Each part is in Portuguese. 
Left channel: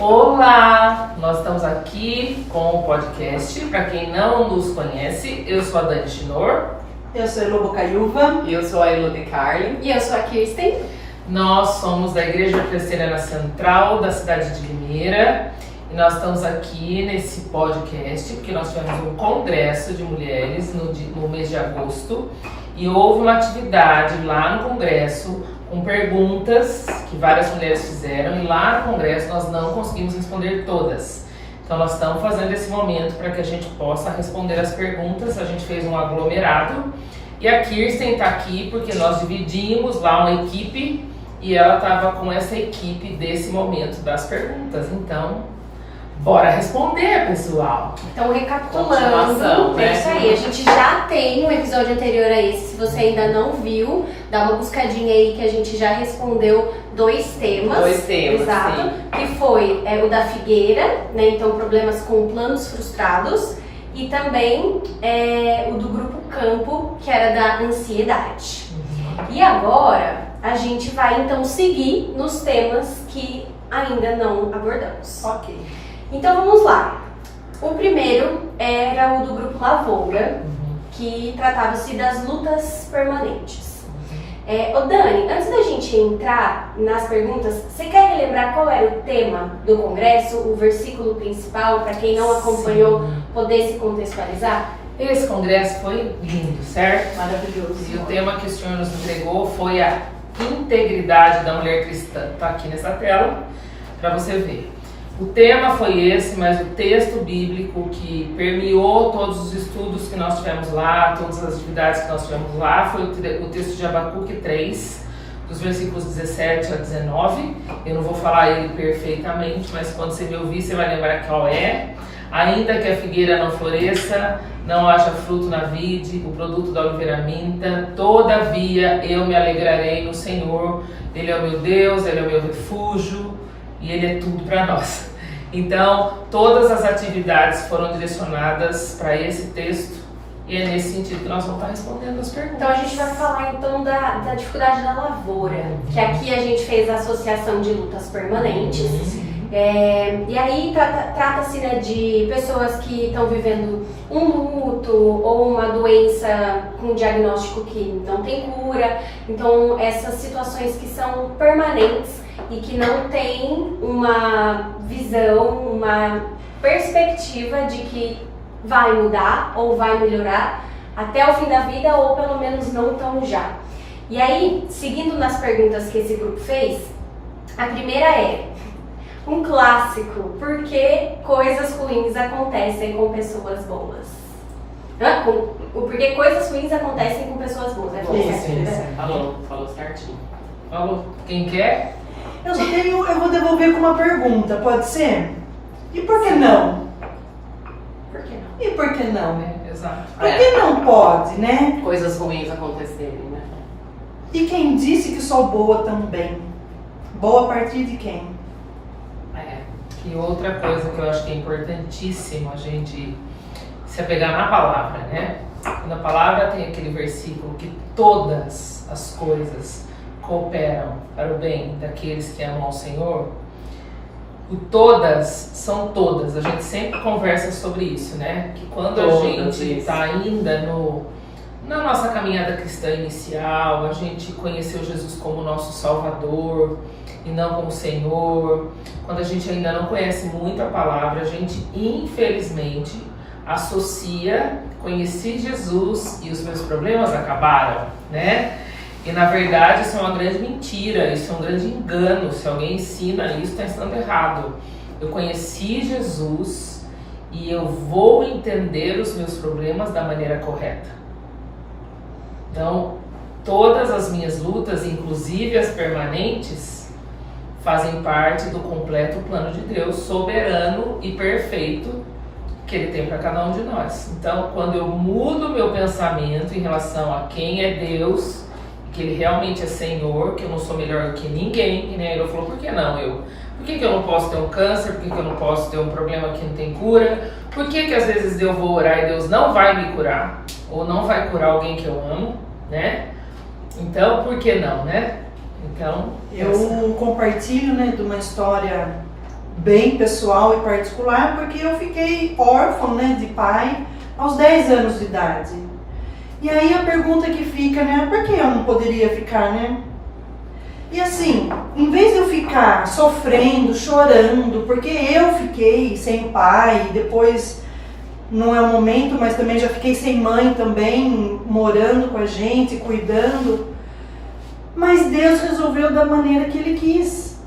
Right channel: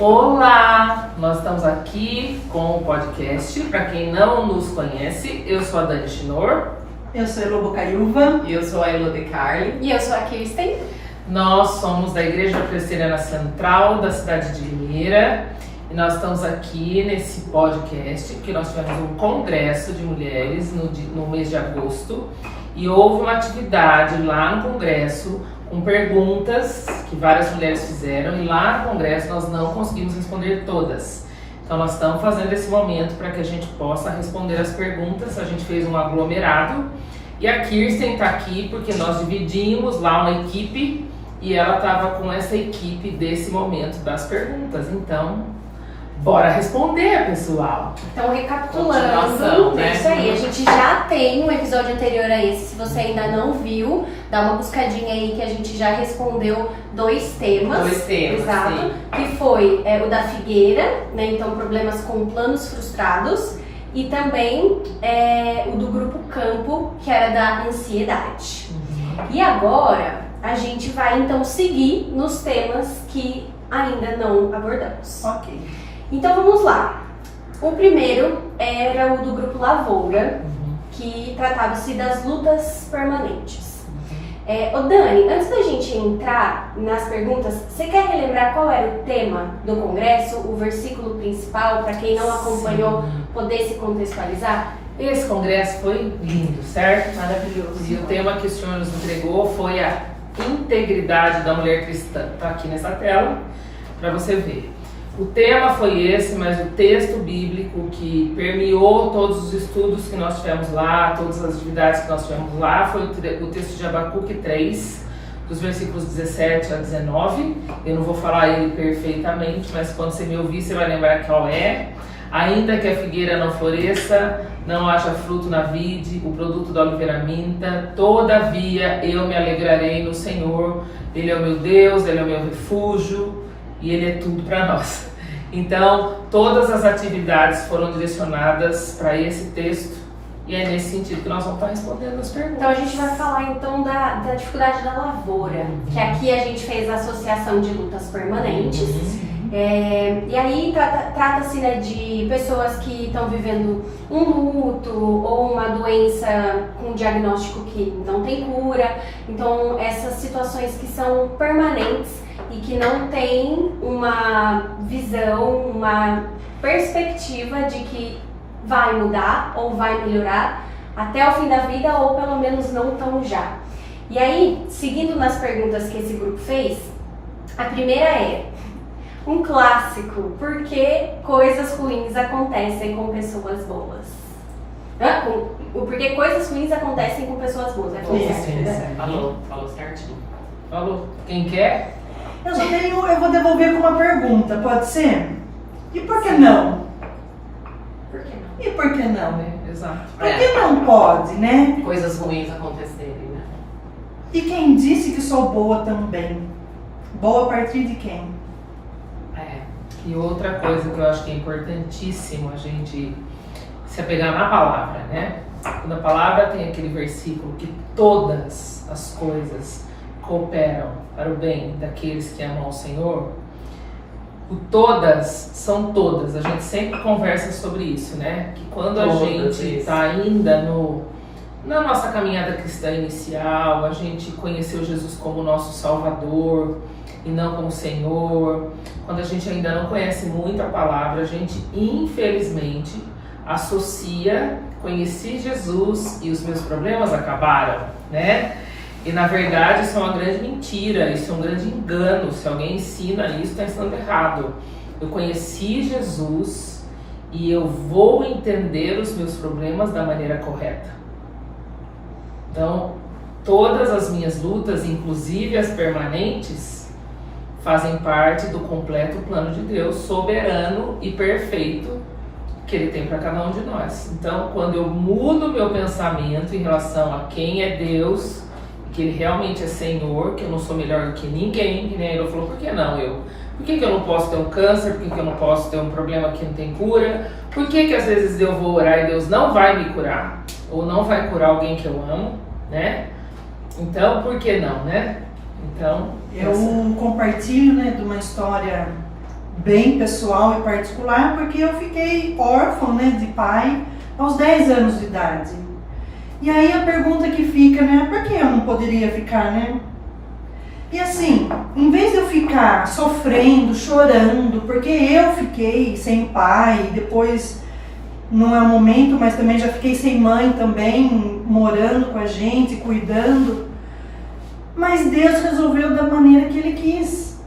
Olá! Nós estamos aqui com o podcast. Para quem não nos conhece, eu sou a Dani Chinor. Eu sou a Elo Bocaiúva. E eu sou a Elo de Carli. E eu sou a Kirsten. Nós somos da Igreja Presbiteriana Central da cidade de Limeira. E nós estamos aqui nesse podcast porque nós tivemos um congresso de mulheres no mês de agosto. E houve uma atividade lá no congresso com perguntas que várias mulheres fizeram, e lá no congresso nós não conseguimos responder todas. Então nós estamos fazendo esse momento para que a gente possa responder as perguntas. A gente fez um aglomerado e a Kirsten está aqui porque nós dividimos lá uma equipe e ela estava com essa equipe desse momento das perguntas. Então, bora responder, pessoal! Então, recapitulando, né? É isso aí. A gente já tem um episódio anterior a esse. Se você ainda não viu, dá uma buscadinha aí que a gente já respondeu dois temas. Exato. Sim. Que foi o da figueira, né? Então, problemas com planos frustrados. E também o do grupo Campo, que era da ansiedade. E agora, a gente vai então seguir nos temas que ainda não abordamos. Ok. Então vamos lá. O primeiro era o do grupo Lavoura, que tratava-se das lutas permanentes. Ô Dani, antes da gente entrar nas perguntas, você quer relembrar qual era o tema do congresso, o versículo principal, para quem não acompanhou poder se contextualizar? Esse congresso foi lindo, certo? Maravilhoso. E o tema que o Senhor nos entregou foi a integridade da mulher cristã. Está aqui nessa tela para você ver. O tema foi esse, mas o texto bíblico que permeou todos os estudos que nós tivemos lá, todas as atividades que nós tivemos lá, foi o texto de Abacuque 3, dos versículos 17 a 19. Eu não vou falar ele perfeitamente, mas quando você me ouvir, você vai lembrar qual é. Ainda que a figueira não floresça, não haja fruto na vide, o produto da oliveira minta, todavia eu me alegrarei no Senhor. Ele é o meu Deus, Ele é o meu refúgio e Ele é tudo para nós. Então, todas as atividades foram direcionadas para esse texto e é nesse sentido que nós vamos estar respondendo as perguntas. Então a gente vai falar então da dificuldade da lavoura, que aqui a gente fez a associação de lutas permanentes. E aí trata-se, né, de pessoas que estão vivendo um luto ou uma doença com diagnóstico que não tem cura. Então essas situações que são permanentes e que não tem uma visão, uma perspectiva de que vai mudar ou vai melhorar até o fim da vida, ou pelo menos não tão já. E aí, seguindo nas perguntas que esse grupo fez, a primeira é um clássico: por que coisas ruins acontecem com pessoas boas? Por que coisas ruins acontecem com pessoas boas? Falou certinho. Falou. Quem quer? Eu vou devolver com uma pergunta, pode ser? E por que não? Por que não? E por que não? Exato. Por que não pode, né? Coisas ruins acontecerem, né? E quem disse que sou boa também? Boa a partir de quem? E outra coisa que eu acho que é importantíssimo a gente se apegar na palavra, né? Quando a palavra tem aquele versículo que todas as coisas cooperam para o bem daqueles que amam ao Senhor, o todas são todas. A gente sempre conversa sobre isso, né? Que quando a gente está ainda na nossa caminhada cristã inicial, a gente conheceu Jesus como nosso Salvador e não como Senhor. Quando a gente ainda não conhece muito a palavra, a gente infelizmente associa: conheci Jesus e os meus problemas acabaram, né? E na verdade isso é uma grande mentira, isso é um grande engano. Se alguém ensina isso, está ensinando errado. Eu conheci Jesus e eu vou entender os meus problemas da maneira correta. Então, todas as minhas lutas, inclusive as permanentes, fazem parte do completo plano de Deus, soberano e perfeito, que Ele tem para cada um de nós. Então, quando eu mudo meu pensamento em relação a quem é Deus, que Ele realmente é Senhor, que eu não sou melhor do que ninguém, que nem Ele falou: por que não eu? Por que eu não posso ter um câncer? Por que eu não posso ter um problema que não tem cura? Por que às vezes eu vou orar e Deus não vai me curar? Ou não vai curar alguém que eu amo, né? Então, por que não, né? Então, eu compartilho, né, de uma história bem pessoal e particular, porque eu fiquei órfã, né, de pai aos 10 anos de idade. E aí a pergunta que fica, né, por que eu não poderia ficar, né? E assim, em vez de eu ficar sofrendo, chorando, porque eu fiquei sem pai, e depois não é o momento, mas também já fiquei sem mãe também, morando com a gente, cuidando. Mas Deus resolveu da maneira que Ele quis.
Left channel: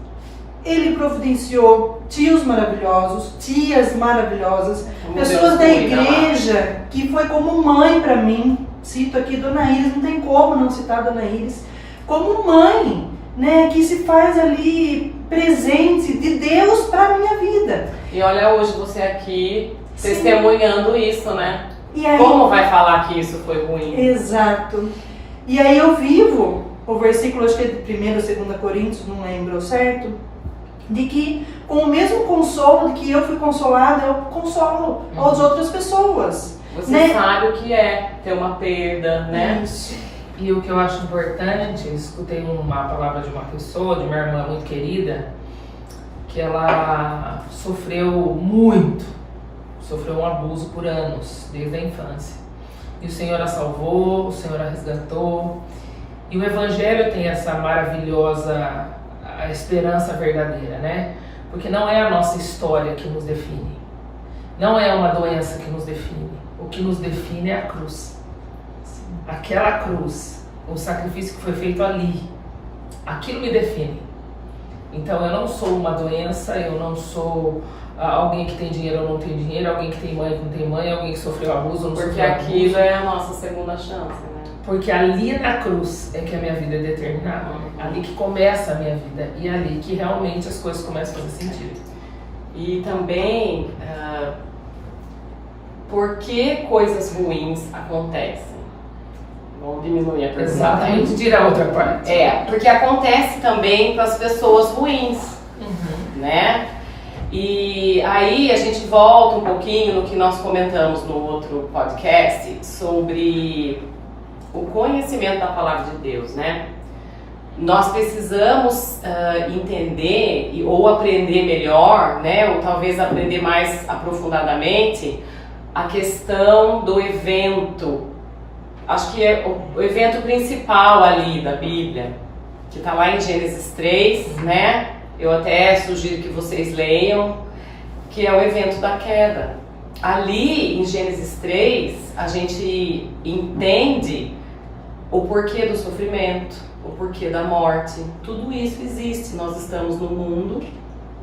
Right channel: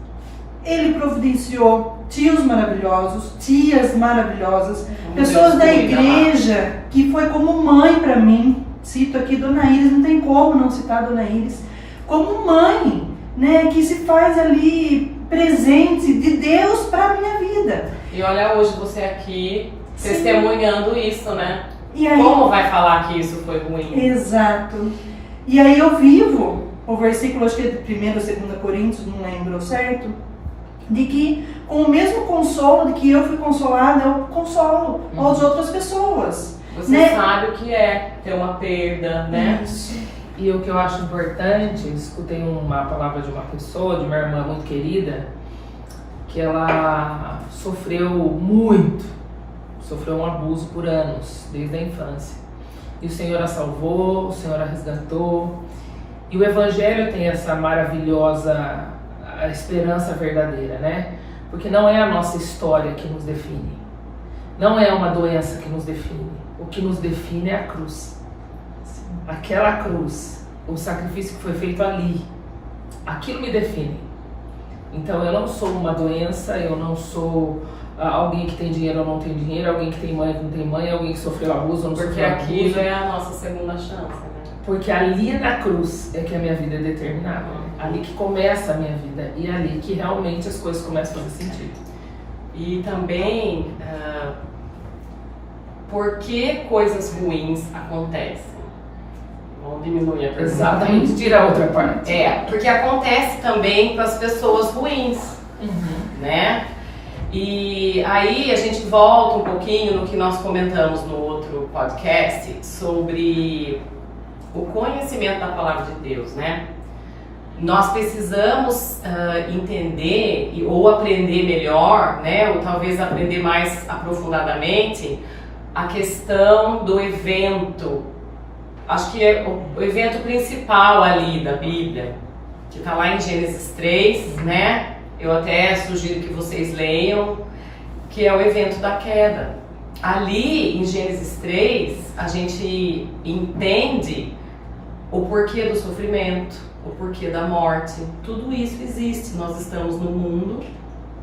Ele providenciou tios maravilhosos, tias maravilhosas, pessoas da igreja, que foi como mãe para mim. Cito aqui Dona Iris, não tem como não citar Dona Iris, como mãe, né, que se faz ali presente de Deus para a minha vida. E olha hoje você aqui testemunhando isso, né? E aí, como vai falar que isso foi ruim? Exato. E aí eu vivo o versículo, acho que é de 1 ou 2 Coríntios, não lembro certo, de que com o mesmo consolo de que eu fui consolada, eu consolo as outras pessoas. Você né? sabe o que é ter uma perda, né? Isso. E o que eu acho importante, eu escutei uma palavra de uma pessoa, de uma irmã muito querida, que ela sofreu muito, sofreu um abuso por anos, desde a infância. E o Senhor a salvou, o Senhor a resgatou. E o Evangelho tem essa maravilhosa a esperança verdadeira, né? Porque não é a nossa história que nos define. Não é uma doença que nos define. O que nos define é a cruz. Aquela cruz, o sacrifício que foi feito ali, aquilo me define. Então eu não sou uma doença, eu não sou alguém que tem dinheiro ou não tem dinheiro, alguém que tem mãe ou não tem mãe, alguém que sofreu abuso ou não Porque sofreu abuso. aquilo é a nossa segunda chance, né? Porque ali na cruz é que a minha vida é determinada, né? Ali que começa a minha vida e ali que realmente as coisas começam a fazer sentido. E também, por que coisas ruins acontecem? Vamos diminuir a pergunta. Exatamente, tira a outra parte. Porque acontece também com as pessoas ruins, né? E aí a gente volta um pouquinho no que nós comentamos no outro podcast sobre o conhecimento da palavra de Deus, né? Nós precisamos entender ou aprender melhor, né? Ou talvez aprender mais aprofundadamente a questão do evento. Acho que é o evento principal ali da Bíblia, que está lá em Gênesis 3, né? Eu até sugiro que vocês leiam, que é o evento da queda. Ali em Gênesis 3, a gente entende o porquê do sofrimento, o porquê da morte. Tudo isso existe. Nós estamos no mundo,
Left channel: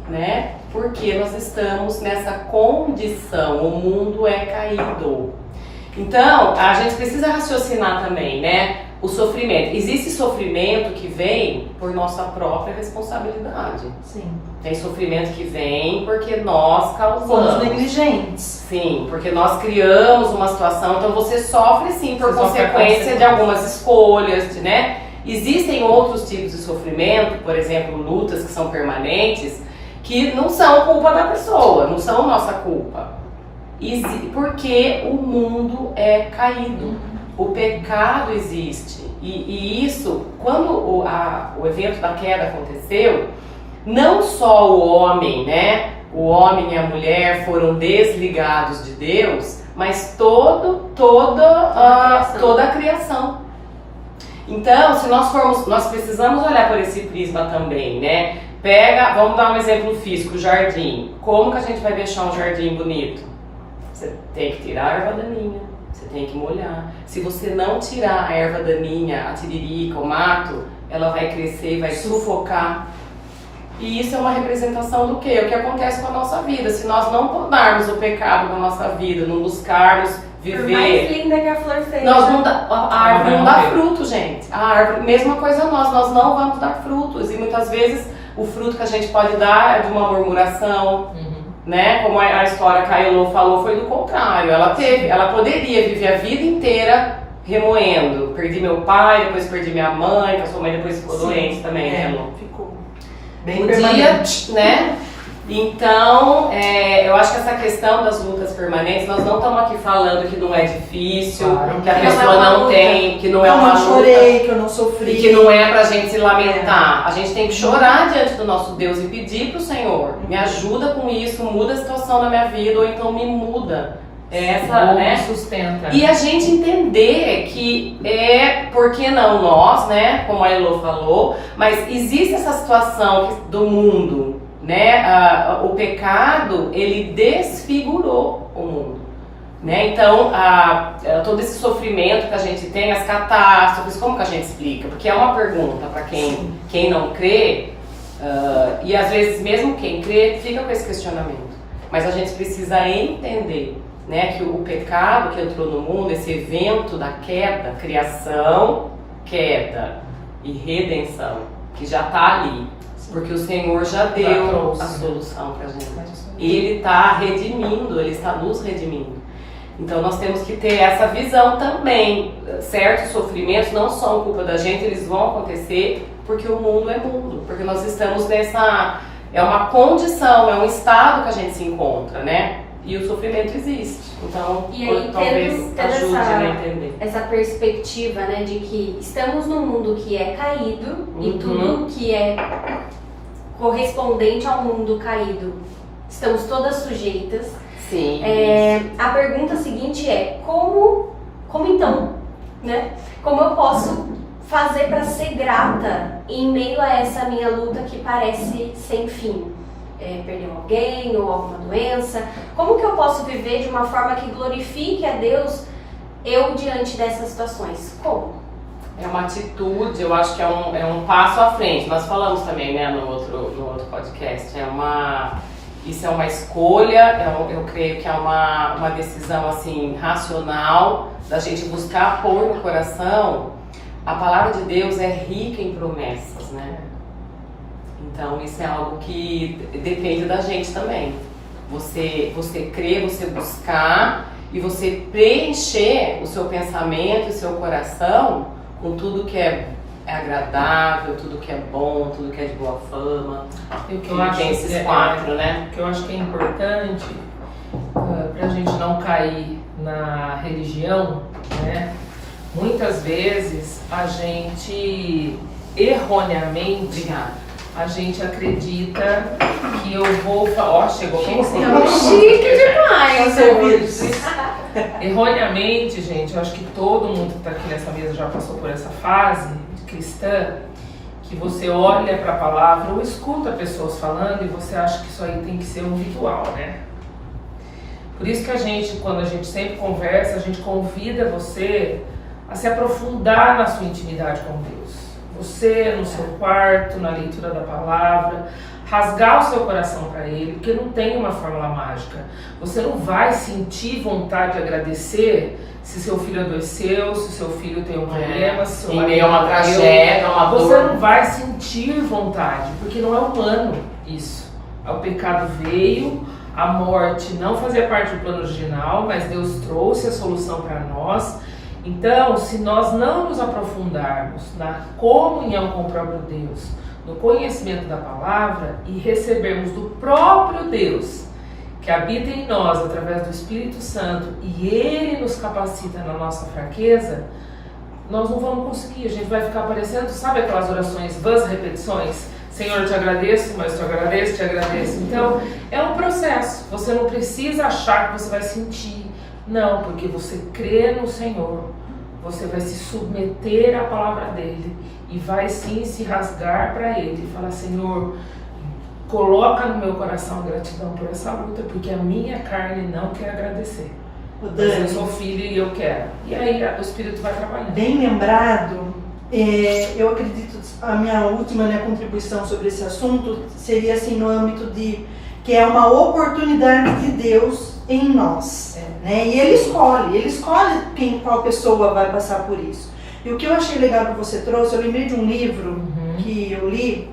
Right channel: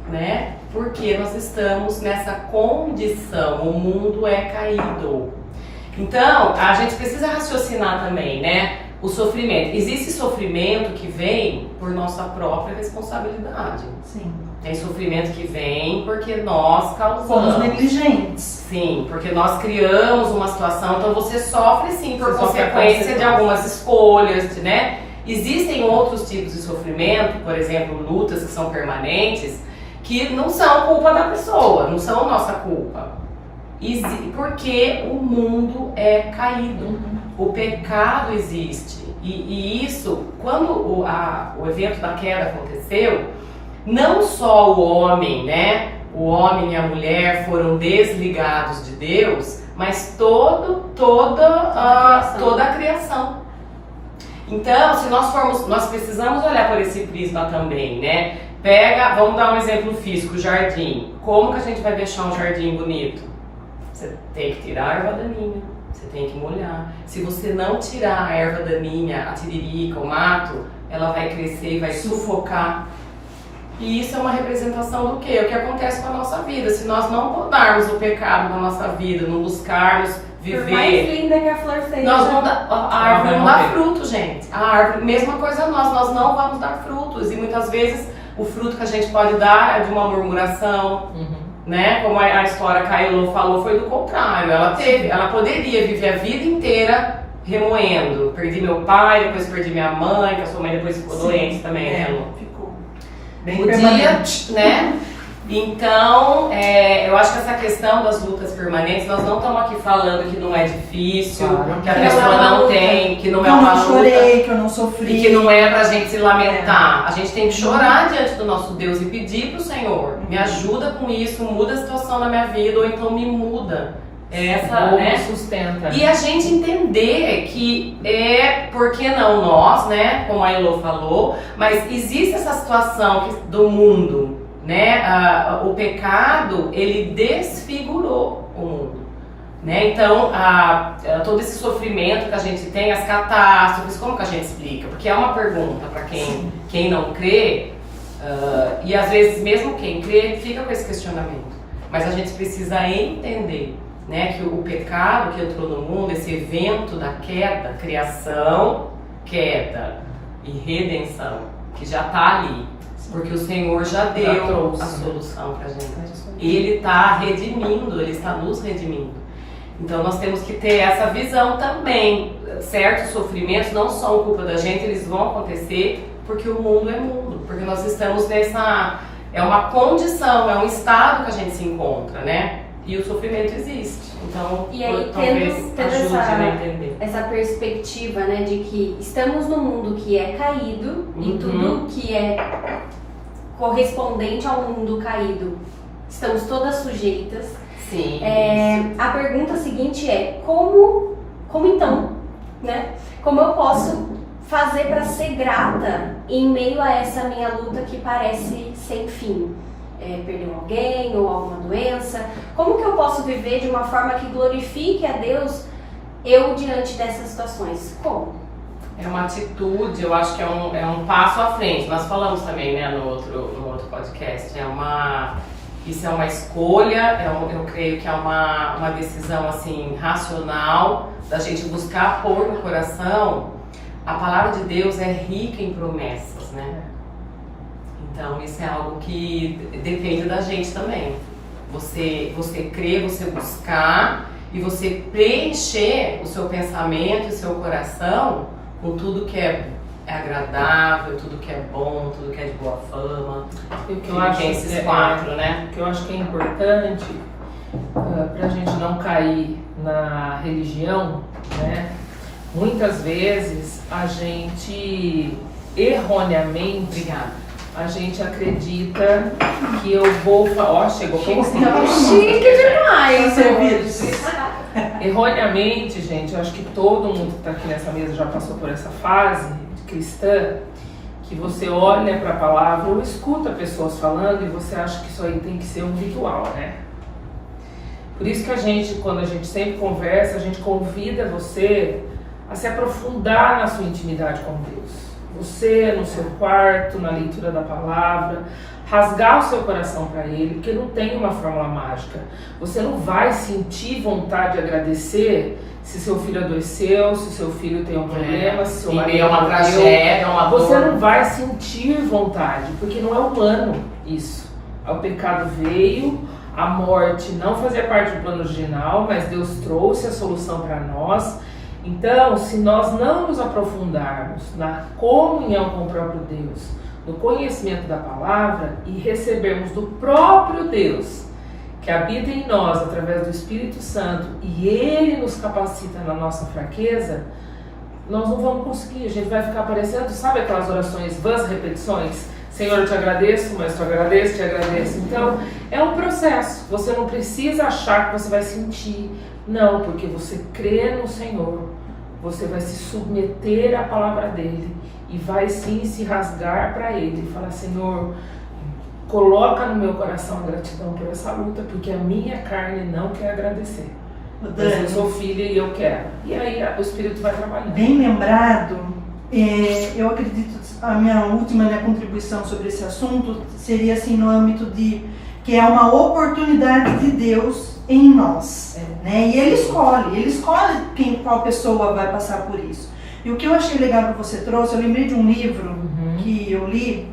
né? Porque nós estamos nessa condição. O mundo é caído. Então, a gente precisa raciocinar também, né? O sofrimento. Existe sofrimento que vem por nossa própria responsabilidade. Sim. Tem sofrimento que vem porque nós causamos. Fomos negligentes. Sim, porque nós criamos uma situação, então você sofre sim por Você sofre a consequência de consequência. algumas escolhas, né? Existem outros tipos de sofrimento, por exemplo, lutas que são permanentes, que não são culpa da pessoa, não são nossa culpa. Porque o mundo é caído, o pecado existe. E isso, quando o evento da queda aconteceu, não só o homem, né? O homem e a mulher foram desligados de Deus, mas toda a criação. Então, se nós formos, nós precisamos olhar por esse prisma também, né? Vamos dar um exemplo físico, jardim. Como que a gente vai deixar um jardim bonito? Você tem que tirar a erva daninha, você tem que molhar. Se você não tirar a erva daninha, a tiririca, o mato, ela vai crescer e vai sufocar. E isso é uma representação do quê? O que acontece com a nossa vida. Se nós não mudarmos o pecado da nossa vida, não buscarmos viver... Por mais linda que a flor seja. Nós vamos a árvore não dá fruto, gente. A árvore, mesma coisa nós não vamos dar frutos. E muitas vezes o fruto que a gente pode dar é de uma murmuração, né? Como a história que a Elô falou, foi do contrário. Ela poderia viver a vida inteira remoendo. Perdi meu pai, depois perdi minha mãe, que a sua mãe depois ficou doente também, né, Elô? Ficou bem Podia, permanente. né? Então, eu acho que essa questão das lutas permanentes, nós não estamos aqui falando que não é difícil, Claro. que a Que não é pessoa uma não luta. tem, que não Que é eu uma não luta. chorei, que eu não sofri. E que não é pra gente se lamentar. A gente tem que chorar diante do nosso Deus e pedir pro Senhor, me ajuda com isso, muda a situação na minha vida, ou então me muda. Essa, Ou né? sustenta. E a gente entender que por que não nós, né? Como a Elô falou, mas existe essa situação do mundo, né? O pecado, ele desfigurou o mundo. Né? Então, todo esse sofrimento que a gente tem, as catástrofes, como que a gente explica? Porque é uma pergunta para quem não crê, e às vezes mesmo quem crê fica com esse questionamento. Mas a gente precisa entender, né, que o pecado que entrou no mundo, esse evento da queda, criação, queda e redenção, que já está ali. Porque o Senhor já deu a solução para a gente. Ele está redimindo, Ele está nos redimindo. Então nós temos que ter essa visão também. Certos sofrimentos não são culpa da gente, eles vão acontecer porque o mundo é mundo. Porque nós estamos nessa... É uma condição, é um estado que a gente se encontra, né? E o sofrimento existe. Então, E aí, talvez tendo ajude a entender. essa perspectiva, né, de que estamos num mundo que é caído e tudo que é correspondente ao mundo caído, estamos todas sujeitas. Sim. A pergunta seguinte é, como então, né? Como eu posso fazer para ser grata em meio a essa minha luta que parece sem fim? Perder alguém ou alguma doença? Como que eu posso viver de uma forma que glorifique a Deus eu diante dessas situações? Como? É uma atitude, eu acho que é um passo à frente. Nós falamos também, né, no outro podcast. Isso é uma escolha, eu creio que é uma decisão assim, racional, da gente buscar pôr no coração. A palavra de Deus é rica em promessas, né? Então isso é algo que depende da gente também. Você crer, você buscar e você preencher o seu pensamento e o seu coração com tudo que é agradável, tudo que é bom, tudo que é de boa fama. E o que eu acho tem esses quatro, né? O que eu acho que é importante para a gente não cair na religião, né? Muitas vezes a gente erroneamente a gente acredita que eu vou falar. Ó, chegou pra você. Chique demais, Erroneamente, gente, eu acho que todo mundo que está aqui nessa mesa já passou por essa fase de cristã, que você olha para a palavra ou escuta pessoas falando e você acha que isso aí tem que ser um ritual, né? Por isso que a gente, quando a gente sempre conversa, a gente convida você a se aprofundar na sua intimidade com Deus. Você no seu quarto, na leitura da palavra, rasgar o seu coração para Ele, porque não tem uma fórmula mágica. Você não vai sentir vontade de agradecer se seu filho adoeceu, se seu filho tem um problema, se seu marido é uma tragédia, uma dor. Você não vai sentir vontade, porque não é humano isso. O pecado veio, a morte não fazia parte do plano original, mas Deus trouxe a solução para nós. Então, se nós não nos aprofundarmos na comunhão com o próprio Deus, no conhecimento da palavra e recebermos do próprio Deus, que habita em nós através do Espírito Santo, e Ele nos capacita na nossa fraqueza, nós não vamos conseguir. A gente vai ficar parecendo, sabe aquelas orações, vãs repetições? Senhor, eu te agradeço, mas te agradeço. Então, é um processo. Você não precisa achar que você vai sentir. Não, porque você crê no Senhor, você vai se submeter à palavra dEle e vai sim se rasgar para Ele e falar: Senhor, coloca no meu coração gratidão por essa luta, porque a minha carne não quer agradecer. Mas eu sou filha e eu quero. E aí o Espírito vai trabalhando. Bem lembrado, eu acredito, a minha última contribuição sobre esse assunto seria assim no âmbito de que é uma oportunidade de Deus em nós, né? E Ele escolhe qual pessoa vai passar por isso. E o que eu achei legal que você trouxe, eu lembrei de um livro que eu li,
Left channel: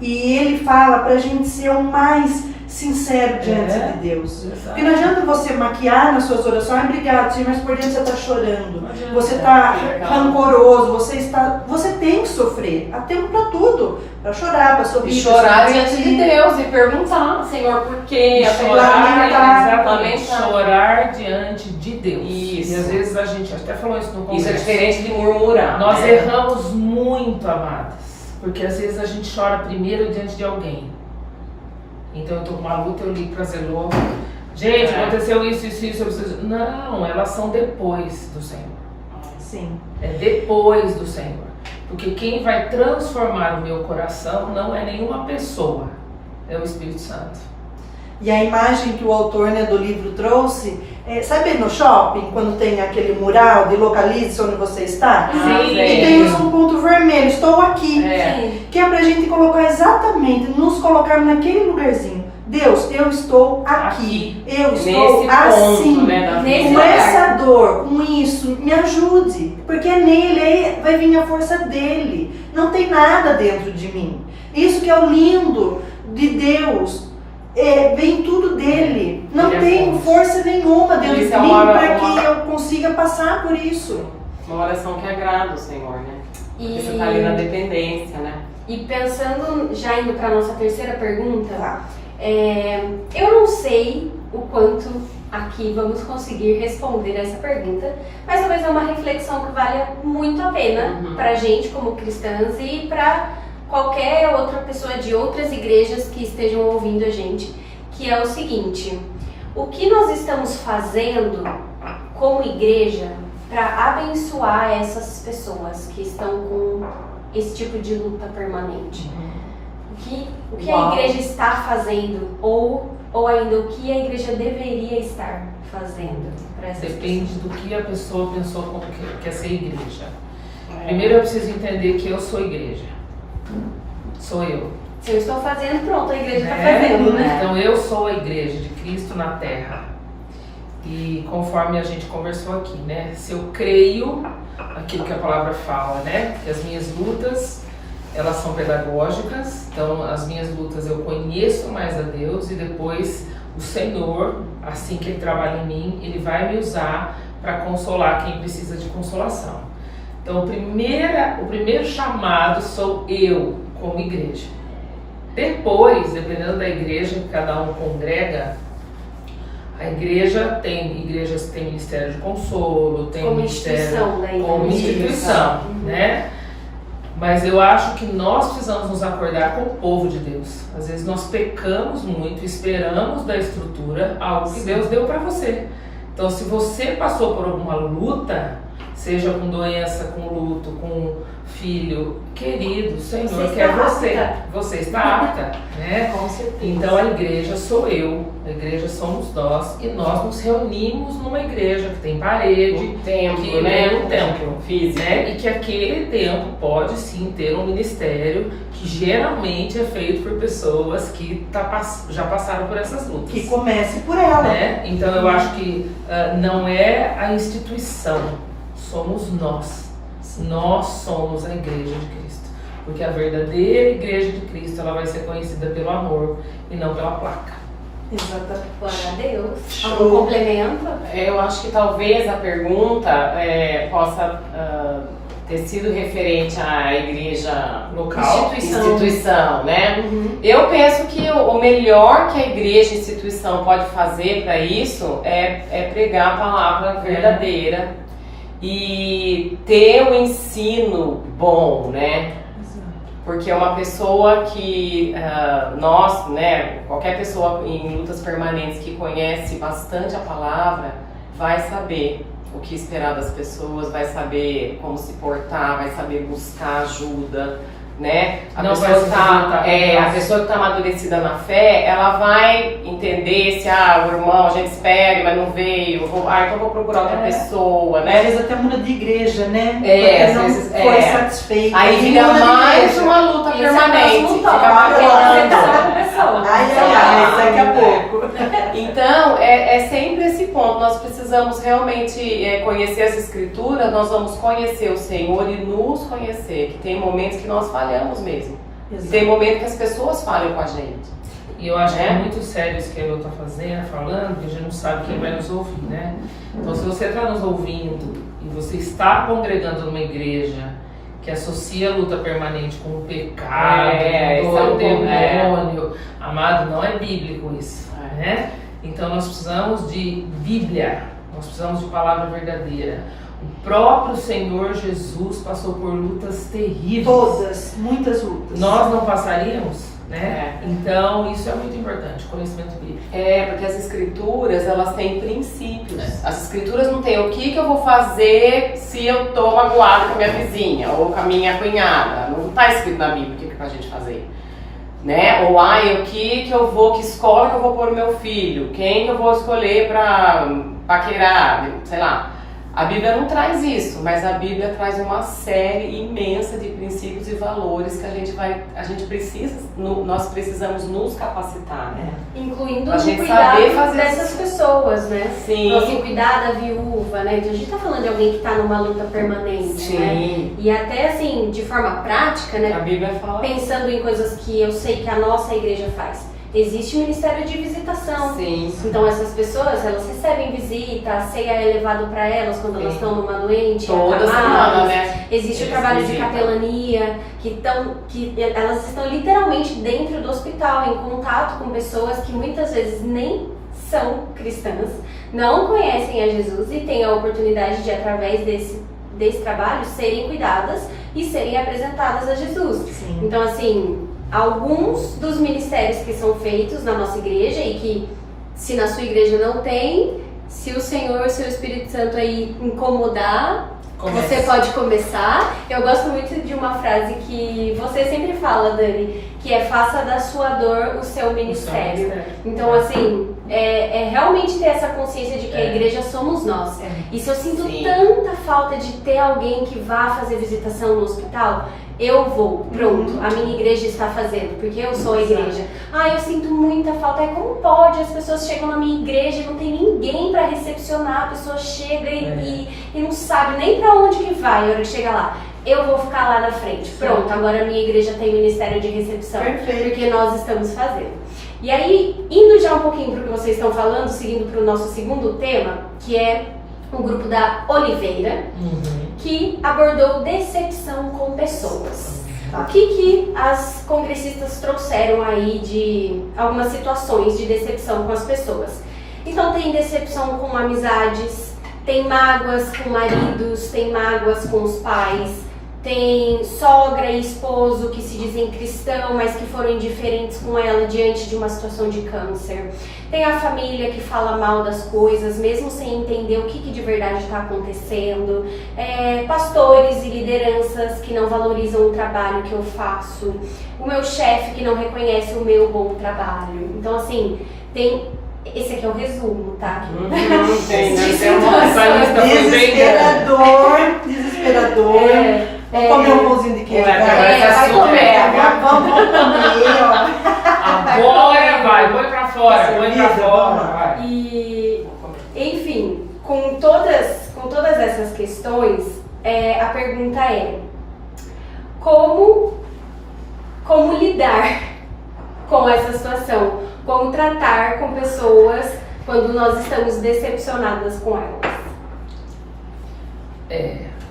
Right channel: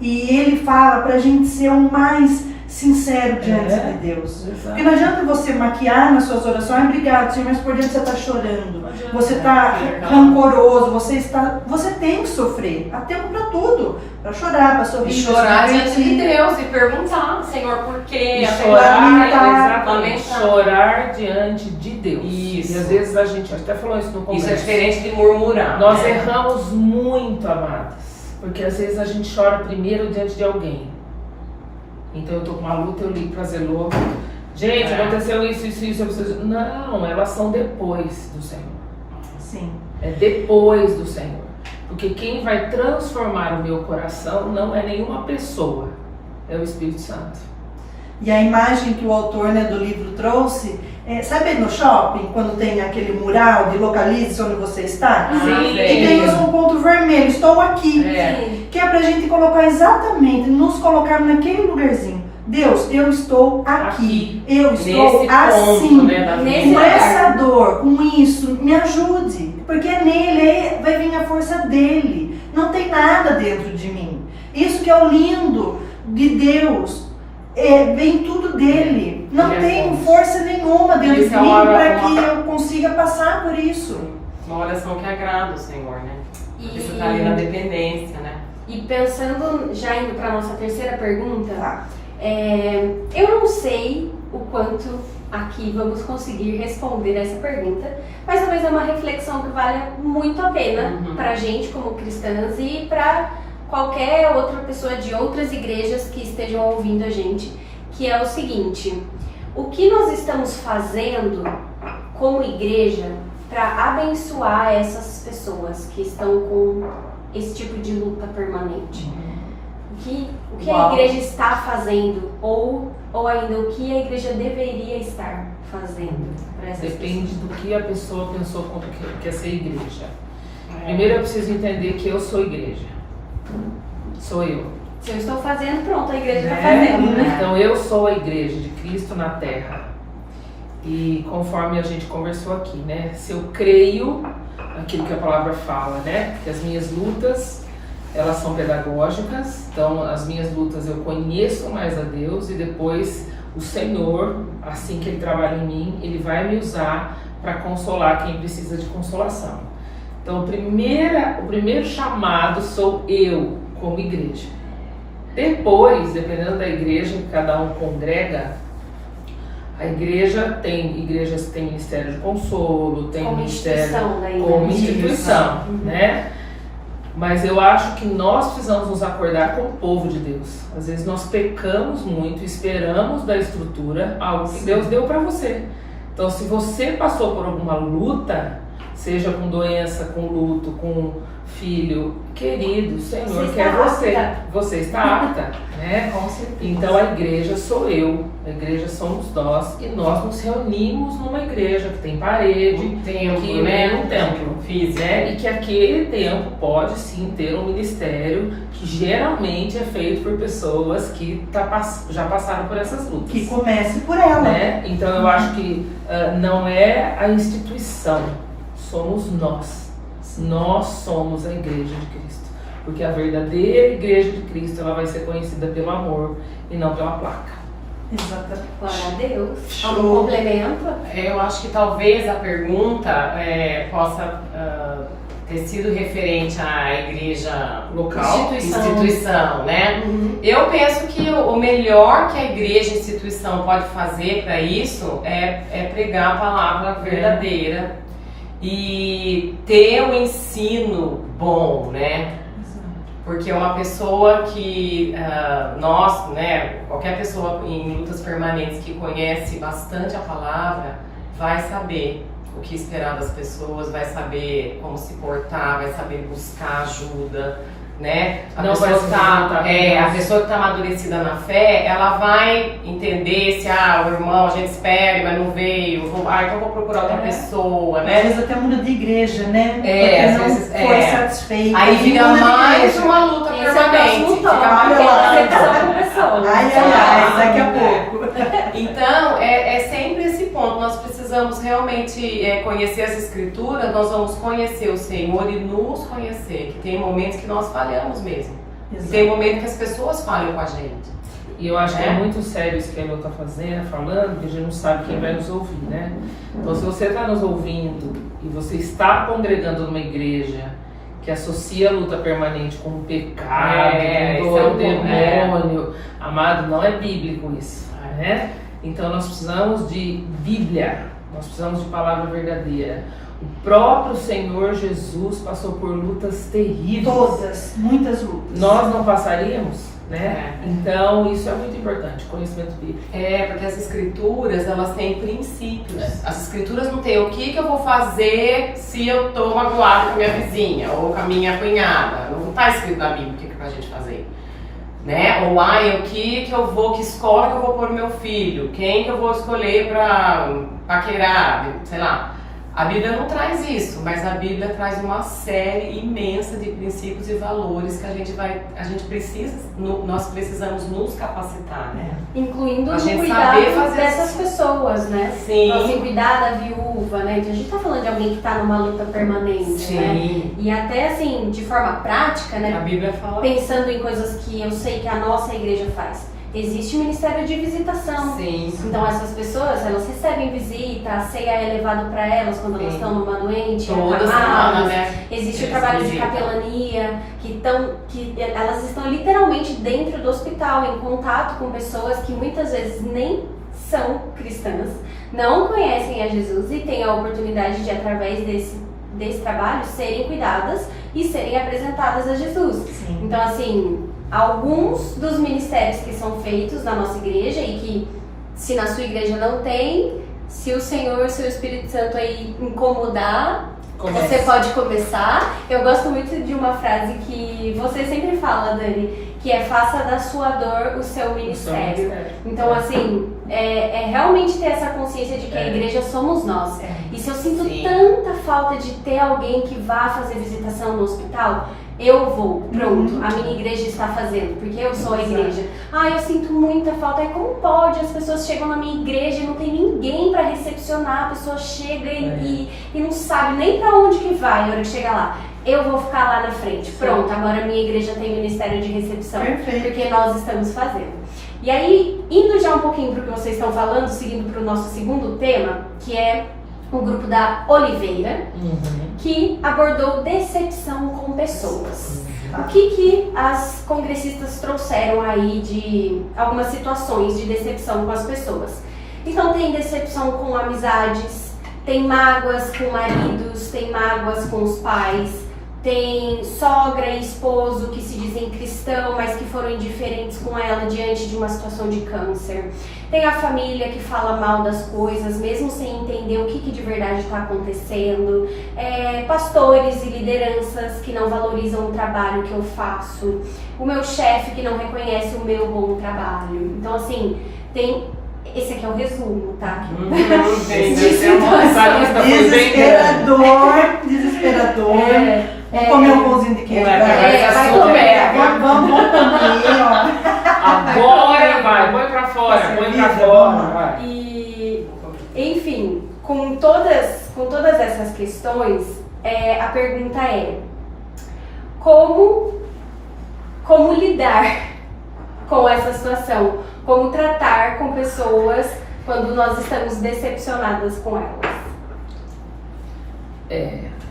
E ele fala pra gente ser o mais sincero diante de Deus. Exato. Porque não adianta você maquiar nas suas orações, obrigado, Senhor, mas por dentro você está chorando, você está rancoroso, você tem que sofrer. Há tempo para tudo, para chorar, para sorrir. E chorar diante de Deus e perguntar, Senhor, por quê? Chorar diante de Deus. Isso. E às vezes a gente até falou isso no congresso. Isso é diferente de murmurar. Nós erramos muito, amadas, porque às vezes a gente chora primeiro diante de alguém. Então eu tô com uma luta, eu ligo pra Zelô. Gente, aconteceu isso, eu preciso... Não, elas são depois do Senhor. Sim. É depois do Senhor. Porque quem vai transformar o meu coração não é nenhuma pessoa, é o Espírito Santo. E a imagem que o autor, né, do livro trouxe, sabe no shopping, quando tem aquele mural de localize onde você está? Sim. E tem um ponto vermelho, estou aqui. Sim. Que é pra gente colocar exatamente, nos colocar naquele lugarzinho. Deus, eu estou aqui. Eu estou Nesse assim. ponto, né, nesse com lugar. essa dor, com isso, me ajude. Porque é nele, vai vir a força dele. Não tem nada dentro de mim. Isso que é o lindo de Deus. Vem tudo dele. Não tem força nenhuma dentro de mim para que eu consiga passar por isso. Uma oração que agrada o Senhor, né? E, Você tá ali na dependência, né? e pensando, já indo para nossa terceira pergunta, Tá. eu não sei o quanto aqui vamos conseguir responder essa pergunta, mas talvez é uma reflexão que vale muito a pena para a gente como cristãs e para qualquer outra pessoa de outras igrejas que estejam ouvindo a gente, que é o seguinte: o que nós estamos fazendo como igreja para abençoar essas pessoas que estão com esse tipo de luta permanente? O que a igreja está fazendo ou ainda o que a igreja deveria estar fazendo para essas Depende do que a pessoa pensou como que quer ser igreja. Primeiro eu preciso entender que eu sou igreja. Sou eu. Se eu estou fazendo, pronto, a igreja está fazendo, né? Então eu sou a igreja de Cristo na Terra. E conforme a gente conversou aqui, né? Se eu creio aquilo que a palavra fala, né? Que as minhas lutas, elas são pedagógicas. Então as minhas lutas eu conheço mais a Deus e depois o Senhor, assim que Ele trabalha em mim, Ele vai me usar para consolar quem precisa de consolação. Então o primeiro chamado sou eu como igreja. Depois, dependendo da igreja que cada um congrega, a igreja tem igrejas que tem ministério de consolo, tem Como ministério instituição da igreja. como instituição, né? Mas eu acho que nós precisamos nos acordar com o povo de Deus. Às vezes nós pecamos muito, esperamos da estrutura algo que Deus deu para você. Então, se você passou por alguma luta, seja com doença, com luto, com filho, querido, o Senhor quer você. Você está apta, né? Com certeza. Então a igreja sou eu, a igreja somos nós e nós nos reunimos numa igreja que tem parede, Um templo, que né? um templo Físico. né? E que aquele templo pode sim ter um ministério que geralmente é feito por pessoas que já passaram por essas lutas. Que comece por ela. Né? Então eu acho que não é a instituição, somos nós. Nós somos a igreja de Cristo. Porque a verdadeira igreja de Cristo ela vai ser conhecida pelo amor e não pela placa. Exatamente. Glória a Deus. Show. Algum complemento? Eu acho que talvez a pergunta possa ter sido referente à igreja Local. instituição, né? Eu penso que o melhor que a igreja instituição pode fazer para isso é pregar a palavra verdadeira e ter o ensino bom, né? Porque é uma pessoa que nós, né, qualquer pessoa em lutas permanentes que conhece bastante a palavra vai saber o que esperar das pessoas, vai saber como se portar, vai saber buscar ajuda, né? A pessoa que está amadurecida na fé, ela vai entender se o irmão a gente espera, mas não veio, então eu vou procurar outra pessoa, né? Às vezes até muda de igreja, né? Às Porque vezes não foi satisfeito. Aí fica muda de mais igreja. uma luta Esse é o permanente, próximo fica tópico, martelando. Ai, daqui a pouco. Então, é sempre esse ponto. Nós precisamos realmente conhecer as Escrituras, nós vamos conhecer o Senhor e nos conhecer, que tem momentos que nós falhamos mesmo. Exato. Tem momento que as pessoas falham com a gente. E eu acho que é muito sério isso que a Elô está falando, porque a gente não sabe quem vai nos ouvir, né? Então, se você está nos ouvindo e você está congregando numa igreja que associa a luta permanente com o pecado, com o demônio, amado, não é bíblico isso, né? Então, nós precisamos de Bíblia, nós precisamos de palavra verdadeira. O próprio Senhor Jesus passou por lutas terríveis. Todas, muitas lutas. Nós não passaríamos? Né? Então, isso é muito importante, conhecimento bíblico. Porque as escrituras, elas têm princípios. As escrituras não têm o que eu vou fazer se eu tô magoado com a minha vizinha ou com a minha cunhada. Não tá escrito na Bíblia o que é pra gente fazer. Né? Ou, que escola que eu vou pôr o meu filho? Quem que eu vou escolher pra paquerar? Sei lá. A Bíblia não traz isso, mas a Bíblia traz uma série imensa de princípios e valores que nós precisamos nos capacitar, né? Incluindo a gente cuidar saber fazer dessas pessoas, né? Sim. Então, assim, cuidar da viúva, né? Então, a gente tá falando de alguém que tá numa luta permanente, Sim. né? E até, assim, de forma prática, né? A Bíblia fala. Pensando em coisas que eu sei que a nossa igreja faz. Existe o Ministério de Visitação. Sim. Então essas pessoas, elas recebem visita, a ceia é levado para elas quando elas estão numa doente, toda semana, né? Existe o trabalho de capelania, que elas estão literalmente dentro do hospital, em contato com pessoas que muitas vezes nem são cristãs, não conhecem a Jesus e têm a oportunidade de, através desse trabalho, serem cuidadas e serem apresentadas a Jesus. Sim. Então, assim, alguns dos ministérios que são feitos na nossa igreja e que, se na sua igreja não tem, se o Senhor, o seu Espírito Santo aí incomodar, você pode começar. Eu gosto muito de uma frase que você sempre fala, Dani, que é: faça da sua dor o seu ministério. Então, assim, é realmente ter essa consciência de que a igreja somos nós. E se eu sinto tanta falta de ter alguém que vá fazer visitação no hospital, eu vou, pronto, a minha igreja está fazendo, porque eu sou a igreja. Eu sinto muita falta. Como pode? As pessoas chegam na minha igreja e não tem ninguém para recepcionar. A pessoa chega e não sabe nem para onde que vai na hora que chega lá. Eu vou ficar lá na frente. Pronto, agora a minha igreja tem ministério de recepção. Perfeito. Porque nós estamos fazendo. E aí, indo já um pouquinho para o que vocês estão falando, seguindo para o nosso segundo tema, que é o grupo da Oliveira, que abordou decepção com pessoas. O que as congressistas trouxeram aí de algumas situações de decepção com as pessoas? Então, tem decepção com amizades, tem mágoas com maridos, tem mágoas com os pais, tem sogra e esposo que se dizem cristão, mas que foram indiferentes com ela diante de uma situação de câncer. Tem a família que fala mal das coisas, mesmo sem entender o que de verdade está acontecendo. Pastores e lideranças que não valorizam o trabalho que eu faço. O meu chefe que não reconhece o meu bom trabalho. Então, assim, esse aqui é o resumo, tá? Desesperador. Vamos comer um pãozinho de queijo. Vai comer. Vamos comer, ó. Agora vai, põe pra fora, vai. E, enfim, com todas essas questões, a pergunta é: como lidar com essa situação? Como tratar com pessoas quando nós estamos decepcionadas com elas?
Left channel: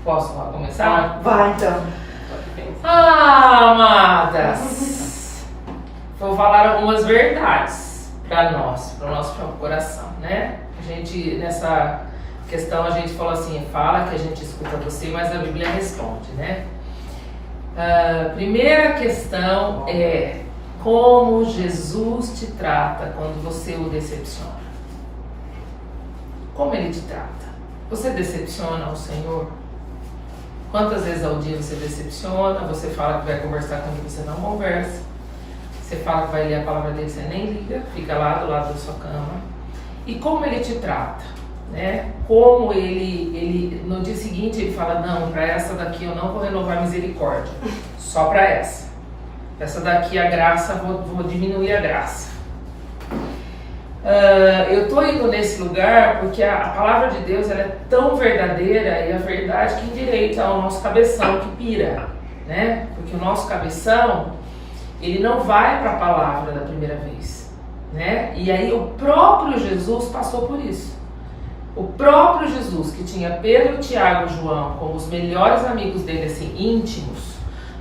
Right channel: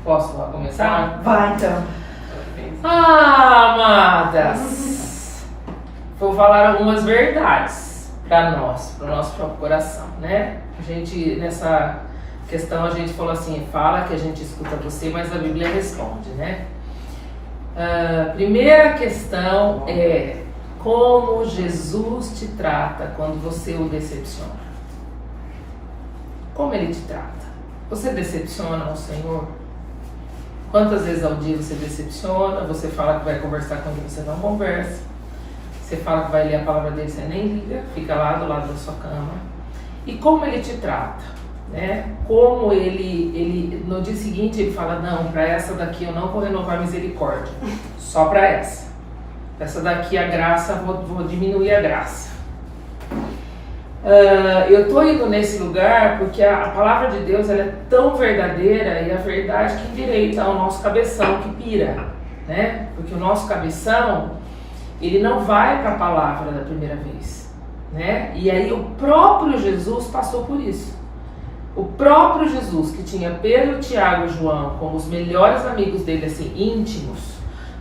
Posso começar? Vai, então. Amadas, vou falar algumas verdades para nós, para o nosso coração, né? A gente, nessa questão, a gente falou assim: fala que a gente escuta você, mas a Bíblia responde, né? Primeira questão é: como Jesus te trata quando você o decepciona? Como ele te trata? Você decepciona o Senhor? Quantas vezes ao dia você decepciona? Você fala que vai conversar com ele, você não conversa. Você fala que vai ler a palavra dele, você nem liga, fica lá do lado da sua cama. E como ele te trata? Né? Como ele no dia seguinte ele fala: não, para essa daqui eu não vou renovar misericórdia, só para essa. Essa daqui a graça, vou diminuir a graça. Eu estou indo nesse lugar porque a palavra de Deus ela é tão verdadeira, e a verdade que endireita ao nosso cabeção que pira, né? Porque o nosso cabeção, ele não vai para a palavra da primeira vez, né? E aí o próprio Jesus passou por isso. O próprio Jesus, que tinha Pedro, Tiago e João como os melhores amigos dele, assim, íntimos,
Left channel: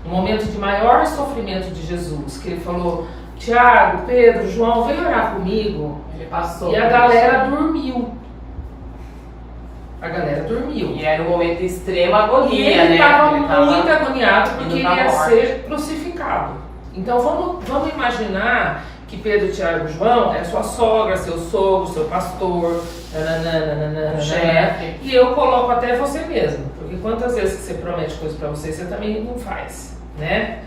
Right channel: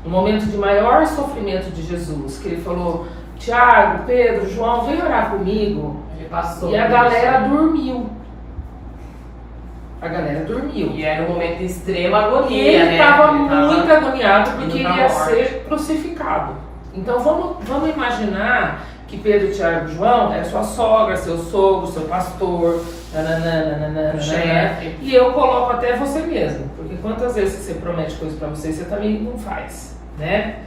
no momento de maior sofrimento de Jesus, que ele falou: Tiago, Pedro, João, vem orar comigo. Ele passou. E a galera dormiu. A galera dormiu. E era um momento de extrema E agonia, ele né? estava muito agoniado porque indo ele pra ia morte. ser crucificado. Então vamos imaginar que Pedro, Tiago e João é sua sogra, seu sogro, seu pastor, nananana, chefe. e eu coloco até você mesmo, porque quantas vezes que você promete coisa para você, você também não faz, né?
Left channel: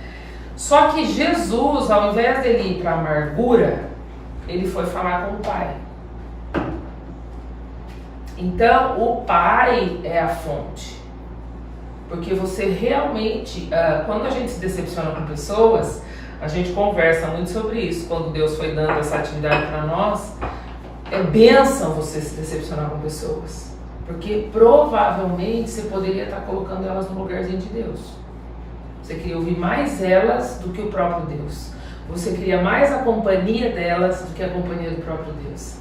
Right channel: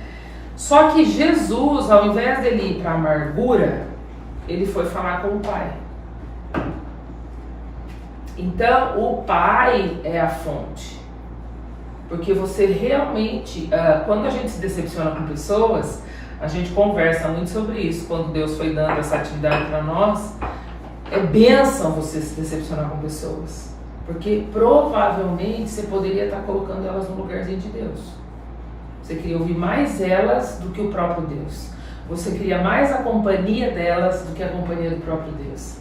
Só que Jesus, ao invés dele ir para a amargura, ele foi falar com o Pai. Então, o Pai é a fonte. Porque você realmente, quando a gente se decepciona com pessoas, a gente conversa muito sobre isso. Quando Deus foi dando essa atividade para nós, é bênção você se decepcionar com pessoas. Porque provavelmente você poderia estar colocando elas no lugarzinho de Deus. Você queria ouvir mais elas do que o próprio Deus. Você queria mais a companhia delas do que a companhia do próprio Deus.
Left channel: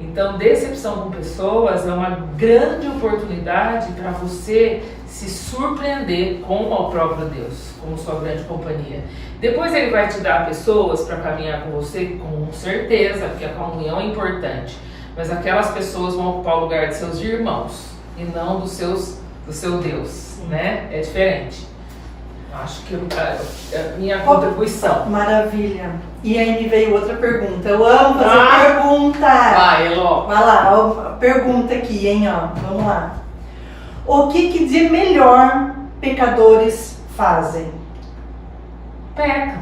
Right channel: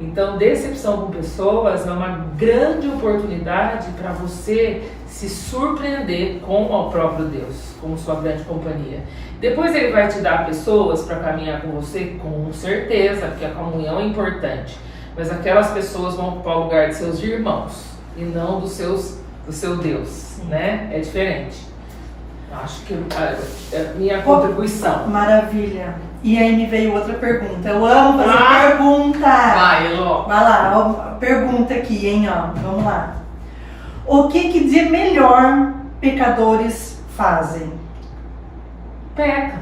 Então, decepção com pessoas é uma grande oportunidade para você se surpreender com o próprio Deus, como sua grande companhia. Depois ele vai te dar pessoas para caminhar com você, com certeza, porque a comunhão é importante. Mas aquelas pessoas vão ocupar o lugar de seus irmãos e não do seu Deus, né? É diferente. Acho que é a minha contribuição. Maravilha. E aí me veio outra pergunta. Eu amo fazer pergunta. Vai, Elô. Vai lá, ó, pergunta aqui, hein, ó. Vamos lá. O que de melhor pecadores fazem? Peca.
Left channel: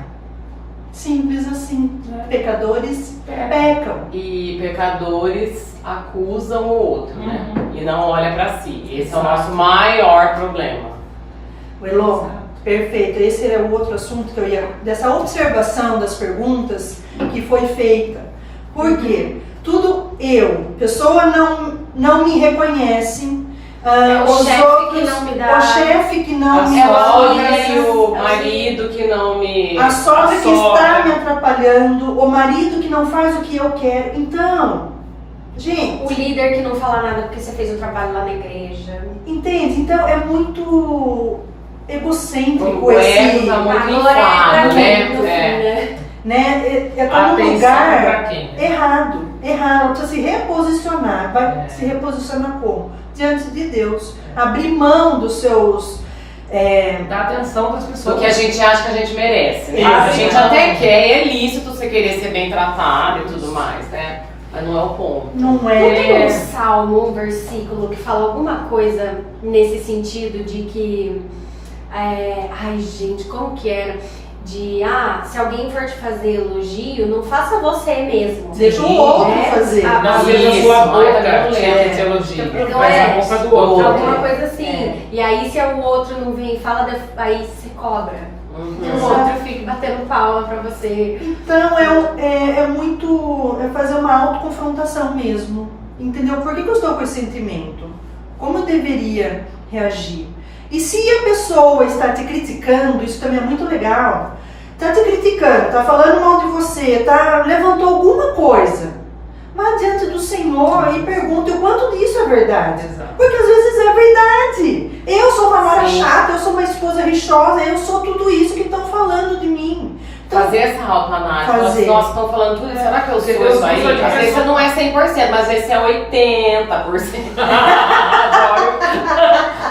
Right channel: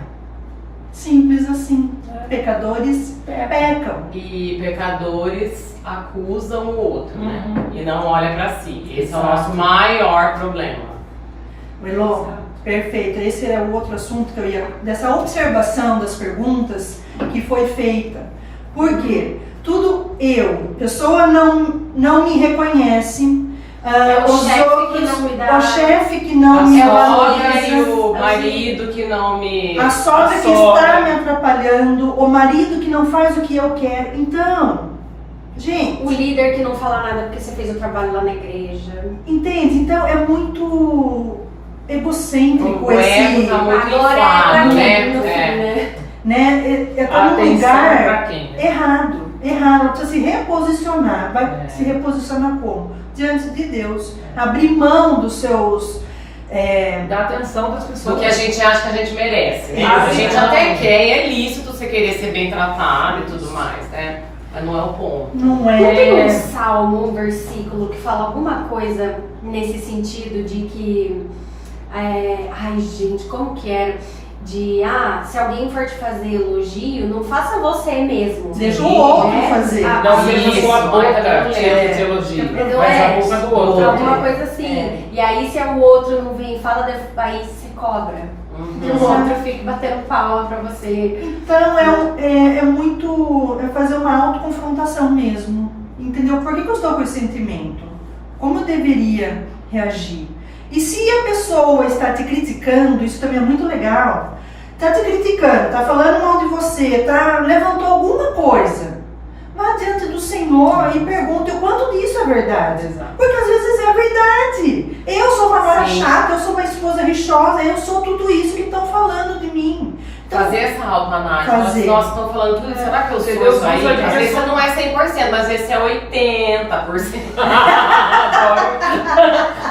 Simples assim. Pecadores pecam. E pecadores acusam o outro, né? Uhum. E não olha pra si. Esse é o Exato. nosso maior problema. Elô, perfeito. Esse era o outro assunto que eu ia... Dessa observação das perguntas que foi feita. Por quê? Tudo pessoa não me reconhece. o Os chefe outros, que não me dá- o chefe que não A me sogra e o valoriza. marido que não me... A sogra que sogra. está me atrapalhando, o marido que não faz o que eu quero. Então, gente, O líder que não fala nada porque você fez o trabalho lá na igreja. entende? Então é muito egocêntrico O ego esse, tá muito Agora é pra inflado, mim, né? no fim, É. né? É como um Atenção lugar pra quem? Né? errado. Precisa se reposicionar. Vai É. se reposicionar como? Diante de Deus. Abrir mão dos seus... Dá atenção das pessoas. Do que a gente acha que a gente merece, né? Exato. A gente até quer, é lícito você querer ser bem tratado e tudo mais, né? Mas não é o ponto. Não Não tem um é... salmo, um versículo que fala alguma coisa nesse sentido de que... ai, gente, como que era? Se alguém for te fazer elogio, não faça você mesmo. Deixa o outro fazer. Não seja Isso, sua boca mas que é. te elogia, Não mas é. a boca do outro. Alguma coisa assim. E aí, se o outro não vem e fala, aí você cobra. Que o outro fique batendo palma pra você. Então é muito... É fazer uma autoconfrontação mesmo. Entendeu? Por que eu estou com esse sentimento? Como eu deveria reagir? E se a pessoa está te criticando, isso também é muito legal. Está te criticando, está falando mal de você, levantou alguma coisa. Vá diante do Senhor e pergunte o quanto disso é verdade. Exato. Porque às vezes é verdade. Eu sou uma nora Sim. chata, eu sou uma esposa rixosa, eu sou tudo isso que estão falando de mim. Então, Fazer essa autoanálise. Fazer. Nossa, estão falando tudo. Será que eu sou Deus isso aí? usa de Às vezes pessoa- não é 100%, mas esse é 80%. Adoro.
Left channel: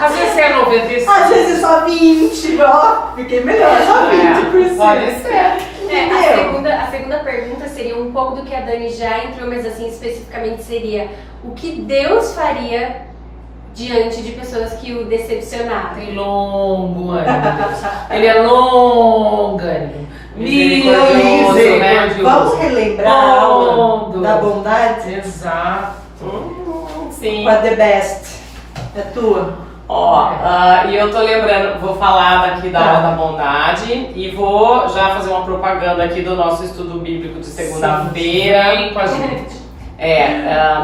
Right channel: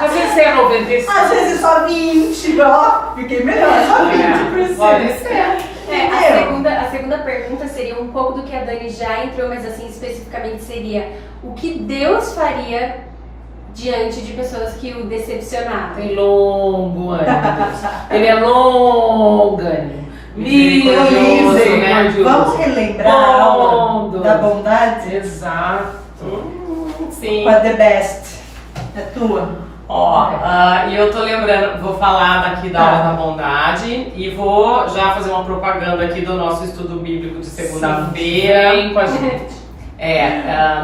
Às vezes é 95%. às vezes só 20, ó, fiquei melhor, só 20%. Pode ser. A segunda pergunta seria um pouco do que a Dani já entrou, mas assim, especificamente seria o que Deus faria diante de pessoas que o decepcionaram? Tem longo ânimo. Ele é longo-ânimo. Misericordioso, né? Vamos relembrar a aula Bom. da bondade Exato. Sim. com a The Best. É tua. Ó, e eu tô lembrando, vou falar daqui da aula da bondade e vou já fazer uma propaganda aqui do nosso estudo bíblico de segunda-feira. Vem com a gente.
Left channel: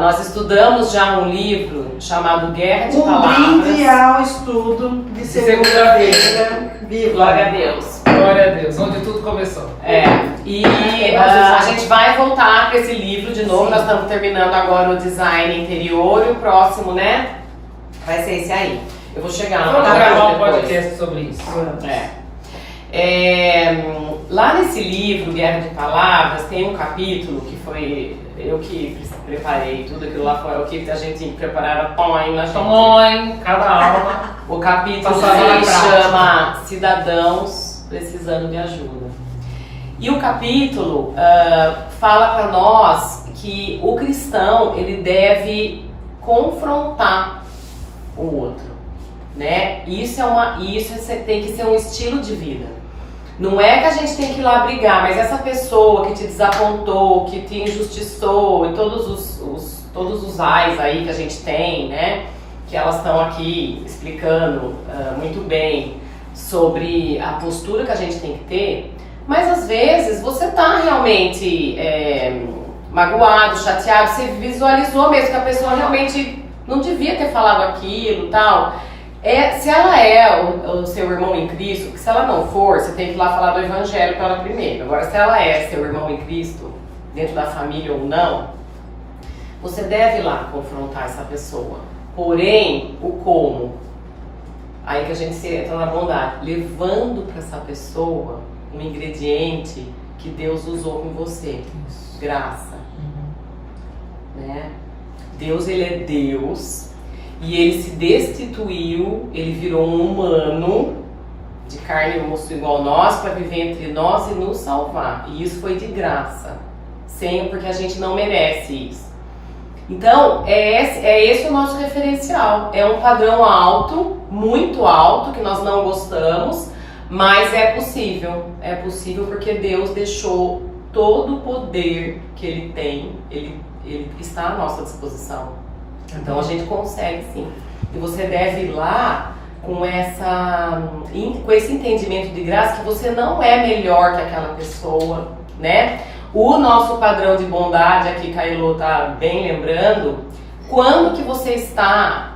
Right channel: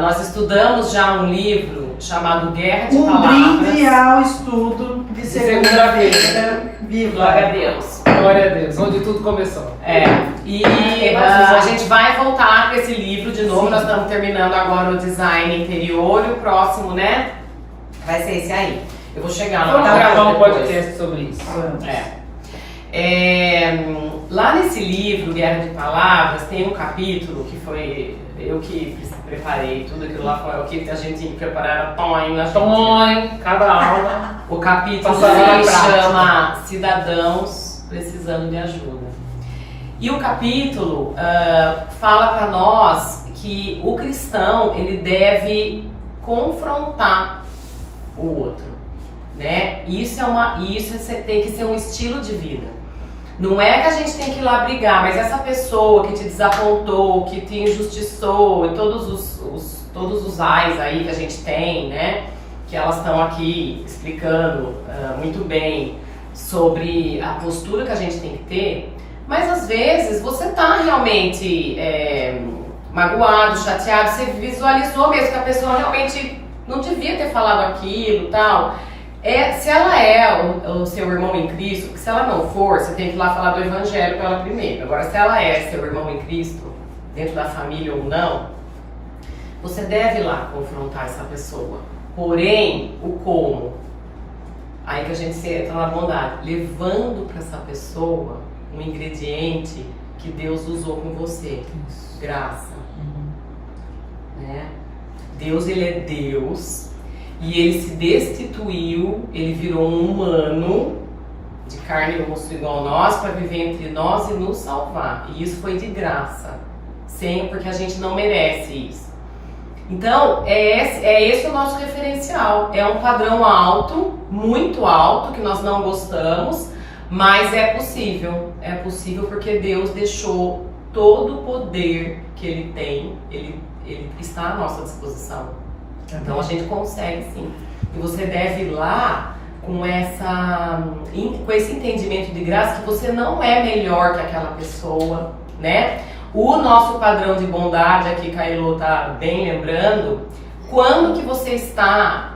Nós estudamos já um livro chamado Guerra de Um Palavras. brinde ao estudo de segunda-feira. Viva! Glória a Deus. Glória a Deus, onde tudo começou. A gente vai voltar para esse livro de novo. Nós estamos terminando agora o design interior e o próximo, né? Vai ser esse aí. Eu vou chegar lá. Vamos gravar um depois. podcast sobre isso. Lá nesse livro, Guerra de Palavras, tem um capítulo que foi eu que preparei tudo aquilo lá, foi o que a gente tinha que preparar, era Cada alma. O capítulo Passando na se prática. chama Cidadãos Precisando de Ajuda. E o capítulo fala para nós que o cristão ele deve confrontar o outro, né? Isso tem que ser um estilo de vida. Não é que a gente tem que ir lá brigar, mas essa pessoa que te desapontou, que te injustiçou, e todos os ais aí que a gente tem, né? Que elas estão aqui explicando muito bem sobre a postura que a gente tem que ter. Mas às vezes você tá realmente magoado, chateado, você visualizou mesmo que a pessoa realmente não devia ter falado aquilo e tal. Se ela é o seu irmão em Cristo, porque se ela não for, você tem que ir lá falar do evangelho para ela primeiro. Agora, se ela é seu irmão em Cristo, dentro da família ou não, você deve ir lá confrontar essa pessoa. Porém, o como? Aí que a gente entra na bondade, levando para essa pessoa um ingrediente que Deus usou com você. Graça. Né? Deus, ele é Deus. E ele se destituiu, ele virou um humano de carne e osso igual nós para viver entre nós e nos salvar. E isso foi de graça, porque a gente não merece isso. Então, esse o nosso referencial. É um padrão alto, muito alto, que nós não gostamos, mas é possível. É possível porque Deus deixou todo o poder que ele tem, ele está à nossa disposição. Então a gente consegue sim. E você deve ir lá com esse entendimento de graça que você não é melhor que aquela pessoa, né? O nosso padrão de bondade aqui, Cailô tá bem lembrando, quando que você está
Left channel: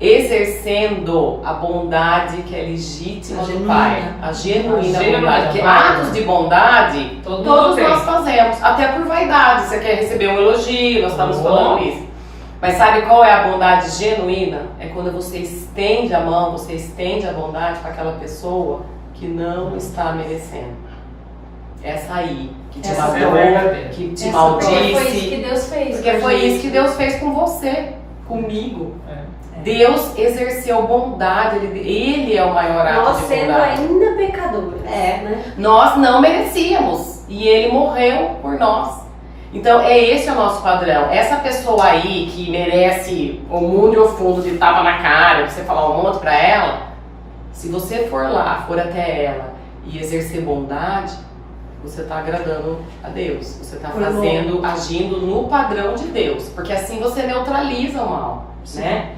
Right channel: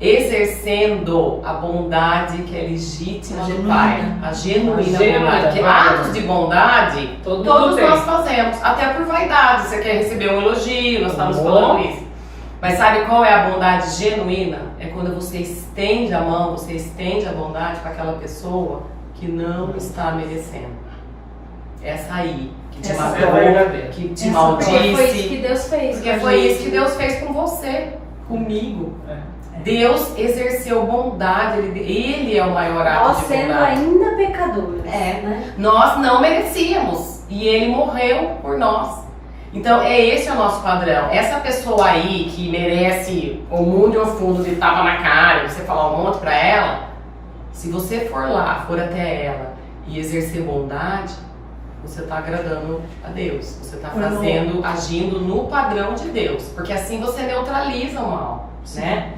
exercendo a bondade que é legítima do Pai, a genuína bondade, porque atos de bondade todos nós fazemos, até por vaidade. Você quer receber um elogio, nós estamos falando isso. Mas sabe qual é a bondade genuína? É quando você estende a mão, você estende a bondade para aquela pessoa que não está merecendo. Essa aí, que te magoou, que te maldisse. Foi isso que Deus fez. Porque foi isso que Deus fez com você, comigo. Deus exerceu bondade, ele é o maior ato nós de sendo bondade. ainda pecadores. Né? Nós não merecíamos e ele morreu por nós. Então, esse é o nosso padrão. Essa pessoa aí que merece o mundo e o fundo de tapa na cara, você falar um monte pra ela, se você for lá, for até ela e exercer bondade, você tá agradando a Deus. Você tá agindo no padrão de Deus. Porque assim você neutraliza o mal, né?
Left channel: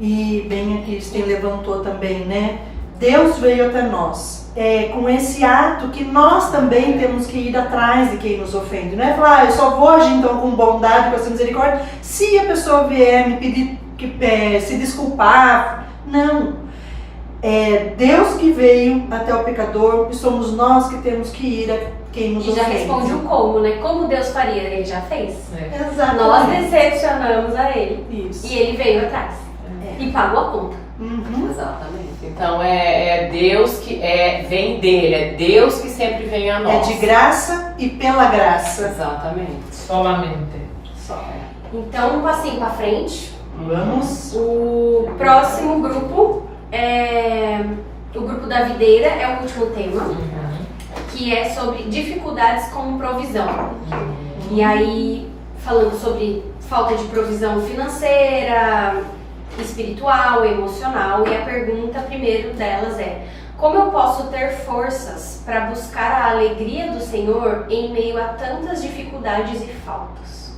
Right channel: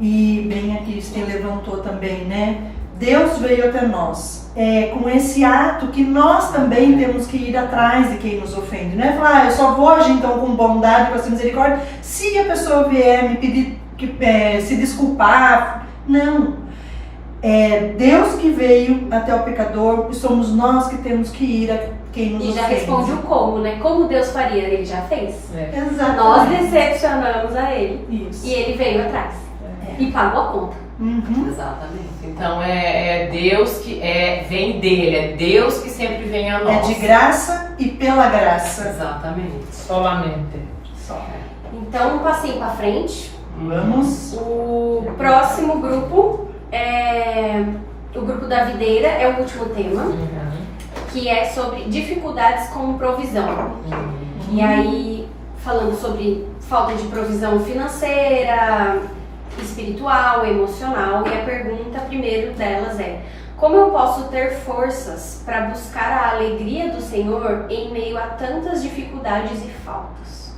E bem aqui, Sten levantou também, né? Deus veio até nós. Com esse ato que nós também temos que ir atrás de quem nos ofende. Não é falar, eu só vou agir então com bondade, com essa misericórdia, se a pessoa vier me pedir se desculpar. Não. É Deus que veio até o pecador e somos nós que temos que ir a quem nos ofende. E já responde o como, né? Como Deus faria, ele já fez. Exatamente. Nós decepcionamos a ele. Isso. E ele veio atrás. E pagou a conta. Exatamente. Então é Deus que vem dele, é Deus que sempre vem a nós. É de graça e pela graça. Exatamente. Solamente. Então, um passinho pra frente. Vamos. O próximo grupo é o grupo da videira, é o último tema, que é sobre dificuldades como provisão. E aí, falando sobre falta de provisão financeira, espiritual, emocional, e a pergunta primeiro delas é: como eu posso ter forças para buscar a alegria do Senhor em meio a tantas dificuldades e faltas?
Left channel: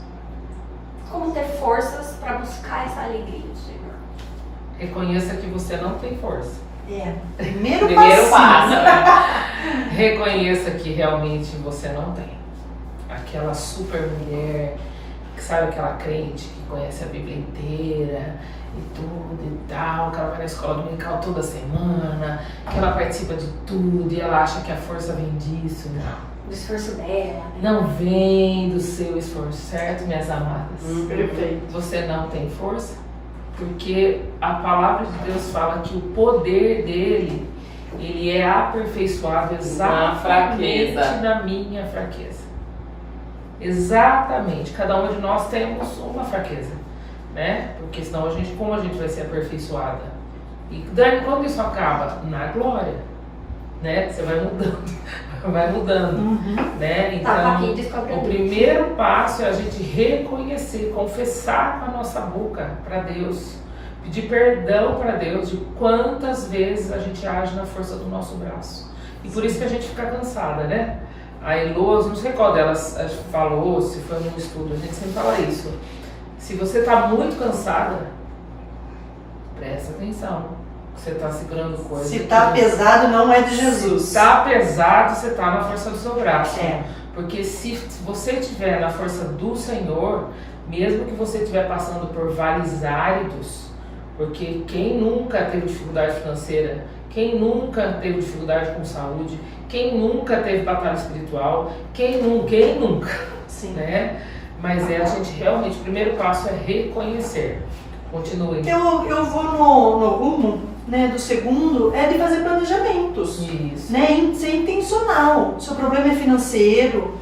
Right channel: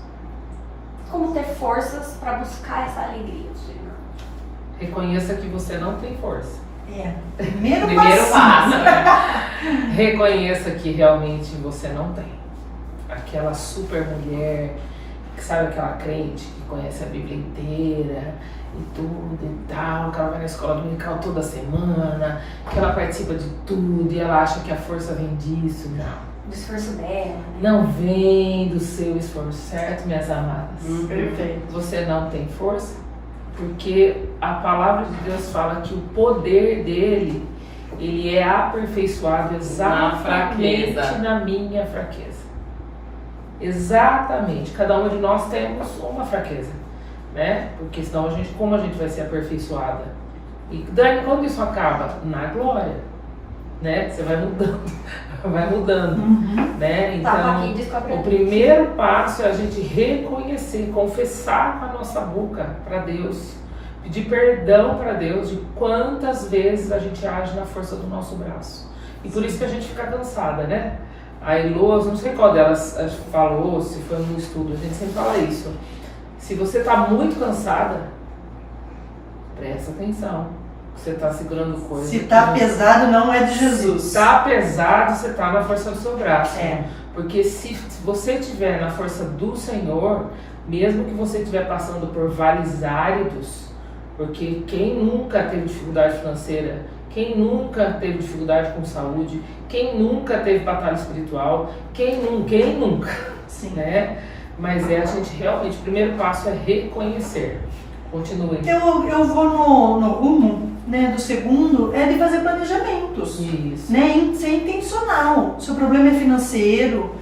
Como ter forças para buscar essa alegria do Senhor? Reconheça que você não tem força. Primeiro passo. Reconheça que realmente você não tem. Aquela super mulher que sabe aquela crente que conhece a Bíblia inteira e tudo e tal, que ela vai na escola dominical toda semana, que ela participa de tudo e ela acha que a força vem disso. Não. Do esforço dela, né? Não vem do seu esforço, certo, minhas amadas? Perfeito. Você não tem força, porque a palavra de Deus fala que o poder dele, ele é aperfeiçoado exatamente na minha fraqueza. Exatamente. Cada uma de nós temos uma fraqueza, né? Porque senão como a gente vai ser aperfeiçoada? E Dani, quando isso acaba? Na glória, né? Você vai mudando, né? Então, o primeiro passo é a gente reconhecer, confessar com a nossa boca para Deus, pedir perdão para Deus de quantas vezes a gente age na força do nosso braço. E por isso que a gente fica cansada, né? A Elô, não sei qual delas falou, se foi num estudo, a gente sempre fala isso. Se você está muito cansada, presta atenção. Você está segurando coisa. Se está pesado, não é de Jesus. Se está pesado, você está na força do seu braço. É. Porque se você estiver na força do Senhor, mesmo que você estiver passando por vales áridos, porque quem nunca teve dificuldade financeira, quem nunca teve dificuldade com saúde, quem nunca teve batalha espiritual, quem nunca, Sim. né? Mas a gente realmente, o primeiro passo é reconhecer. Continue. Eu vou no rumo, né, do segundo, é de fazer planejamentos. Isso. Né, ser intencional. Se o problema é financeiro,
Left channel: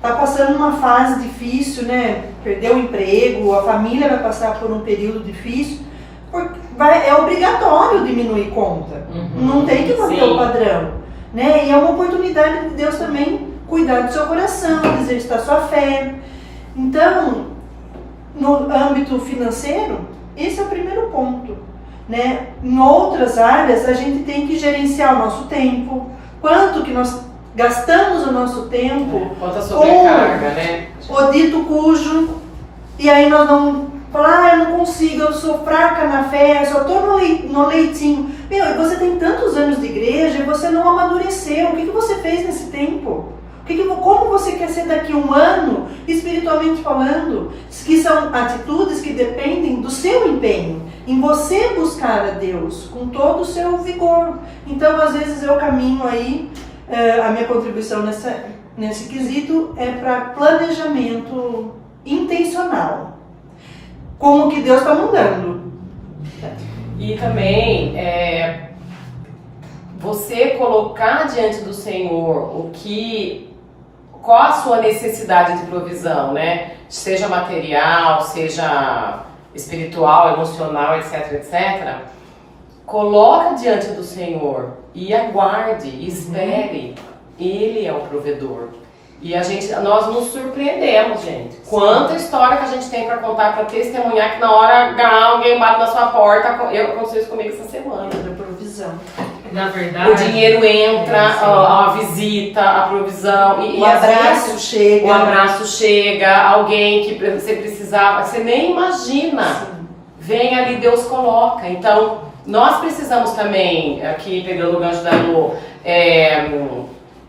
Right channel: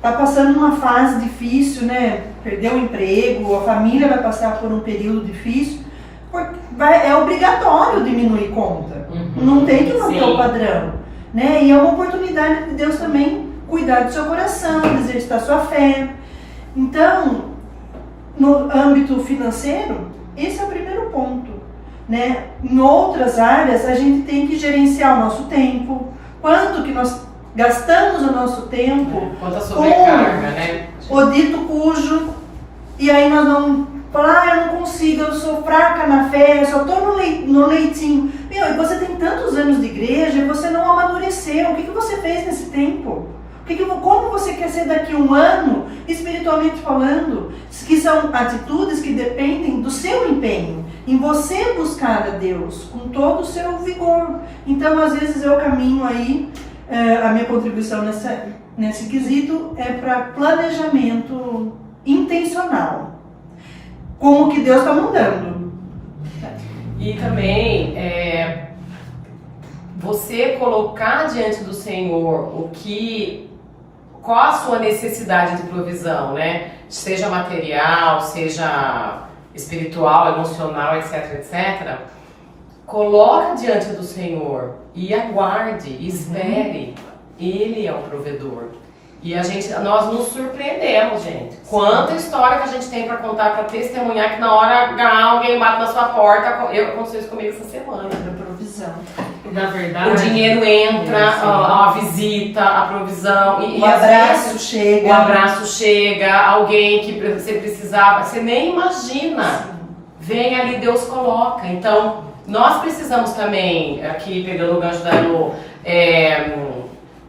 tá passando uma fase difícil, né, perdeu o emprego, a família vai passar por um período difícil, é obrigatório diminuir conta. Não tem que manter o padrão. Né? E é uma oportunidade de Deus também cuidar do seu coração, exercitar sua fé. Então, no âmbito financeiro, esse é o primeiro ponto. Né? Em outras áreas, a gente tem que gerenciar o nosso tempo, quanto que nós gastamos o nosso tempo Quanto a sobrecarga, né? o dito cujo, e aí nós vamos falar, eu não consigo, eu sou fraca na fé, só estou no leitinho. Meu, e você tem tantos anos de igreja e você não amadureceu. O que você fez nesse tempo? Como você quer ser daqui a um ano, espiritualmente falando? Que são atitudes que dependem do seu empenho, em você buscar a Deus com todo o seu vigor. Então, às vezes eu caminho aí, a minha contribuição nesse quesito é para planejamento intencional, com o que Deus está mandando. E também, você colocar diante do Senhor qual a sua necessidade de provisão, né? Seja material, seja espiritual, emocional, etc, etc. Coloca diante do Senhor e aguarde, espere. Ele é o provedor. E nós nos surpreendemos, gente. Quanta história que a gente tem para contar, para testemunhar, que na hora alguém bate na sua porta. Aconteceu isso comigo essa semana. Provisão. Na verdade, O dinheiro entra, a visita, a provisão. O abraço chega. O abraço chega, alguém que você precisava, você nem imagina. Sim. Vem ali, Deus coloca. Então, nós precisamos também, aqui pegando o gancho da Elô,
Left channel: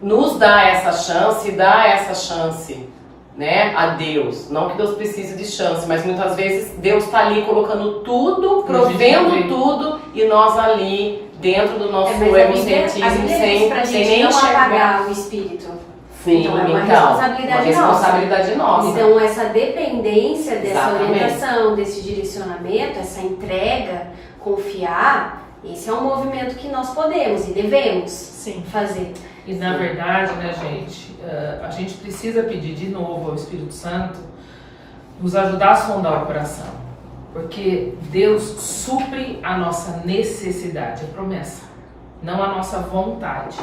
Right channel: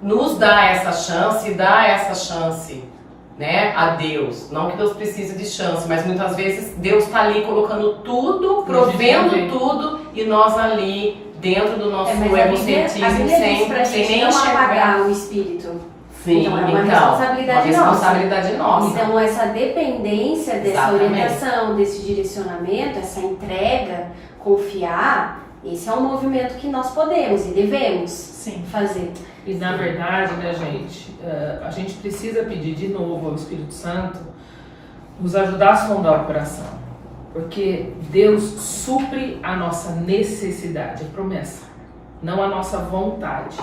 nos dar essa chance, né, a Deus. Não que Deus precise de chance, mas muitas vezes Deus está ali colocando tudo, provendo tudo, e nós ali, dentro do nosso egocentrismo, sem nem não enxergar. apagar o espírito. Sim, Então, é uma responsabilidade nossa. Então, essa dependência dessa Exatamente. orientação, desse direcionamento, essa entrega, confiar, esse é um movimento que nós podemos e devemos fazer. E na verdade, né, gente, a gente precisa pedir de novo ao Espírito Santo nos ajudar a sondar o coração. Porque Deus supre a nossa necessidade, é promessa, não a nossa vontade.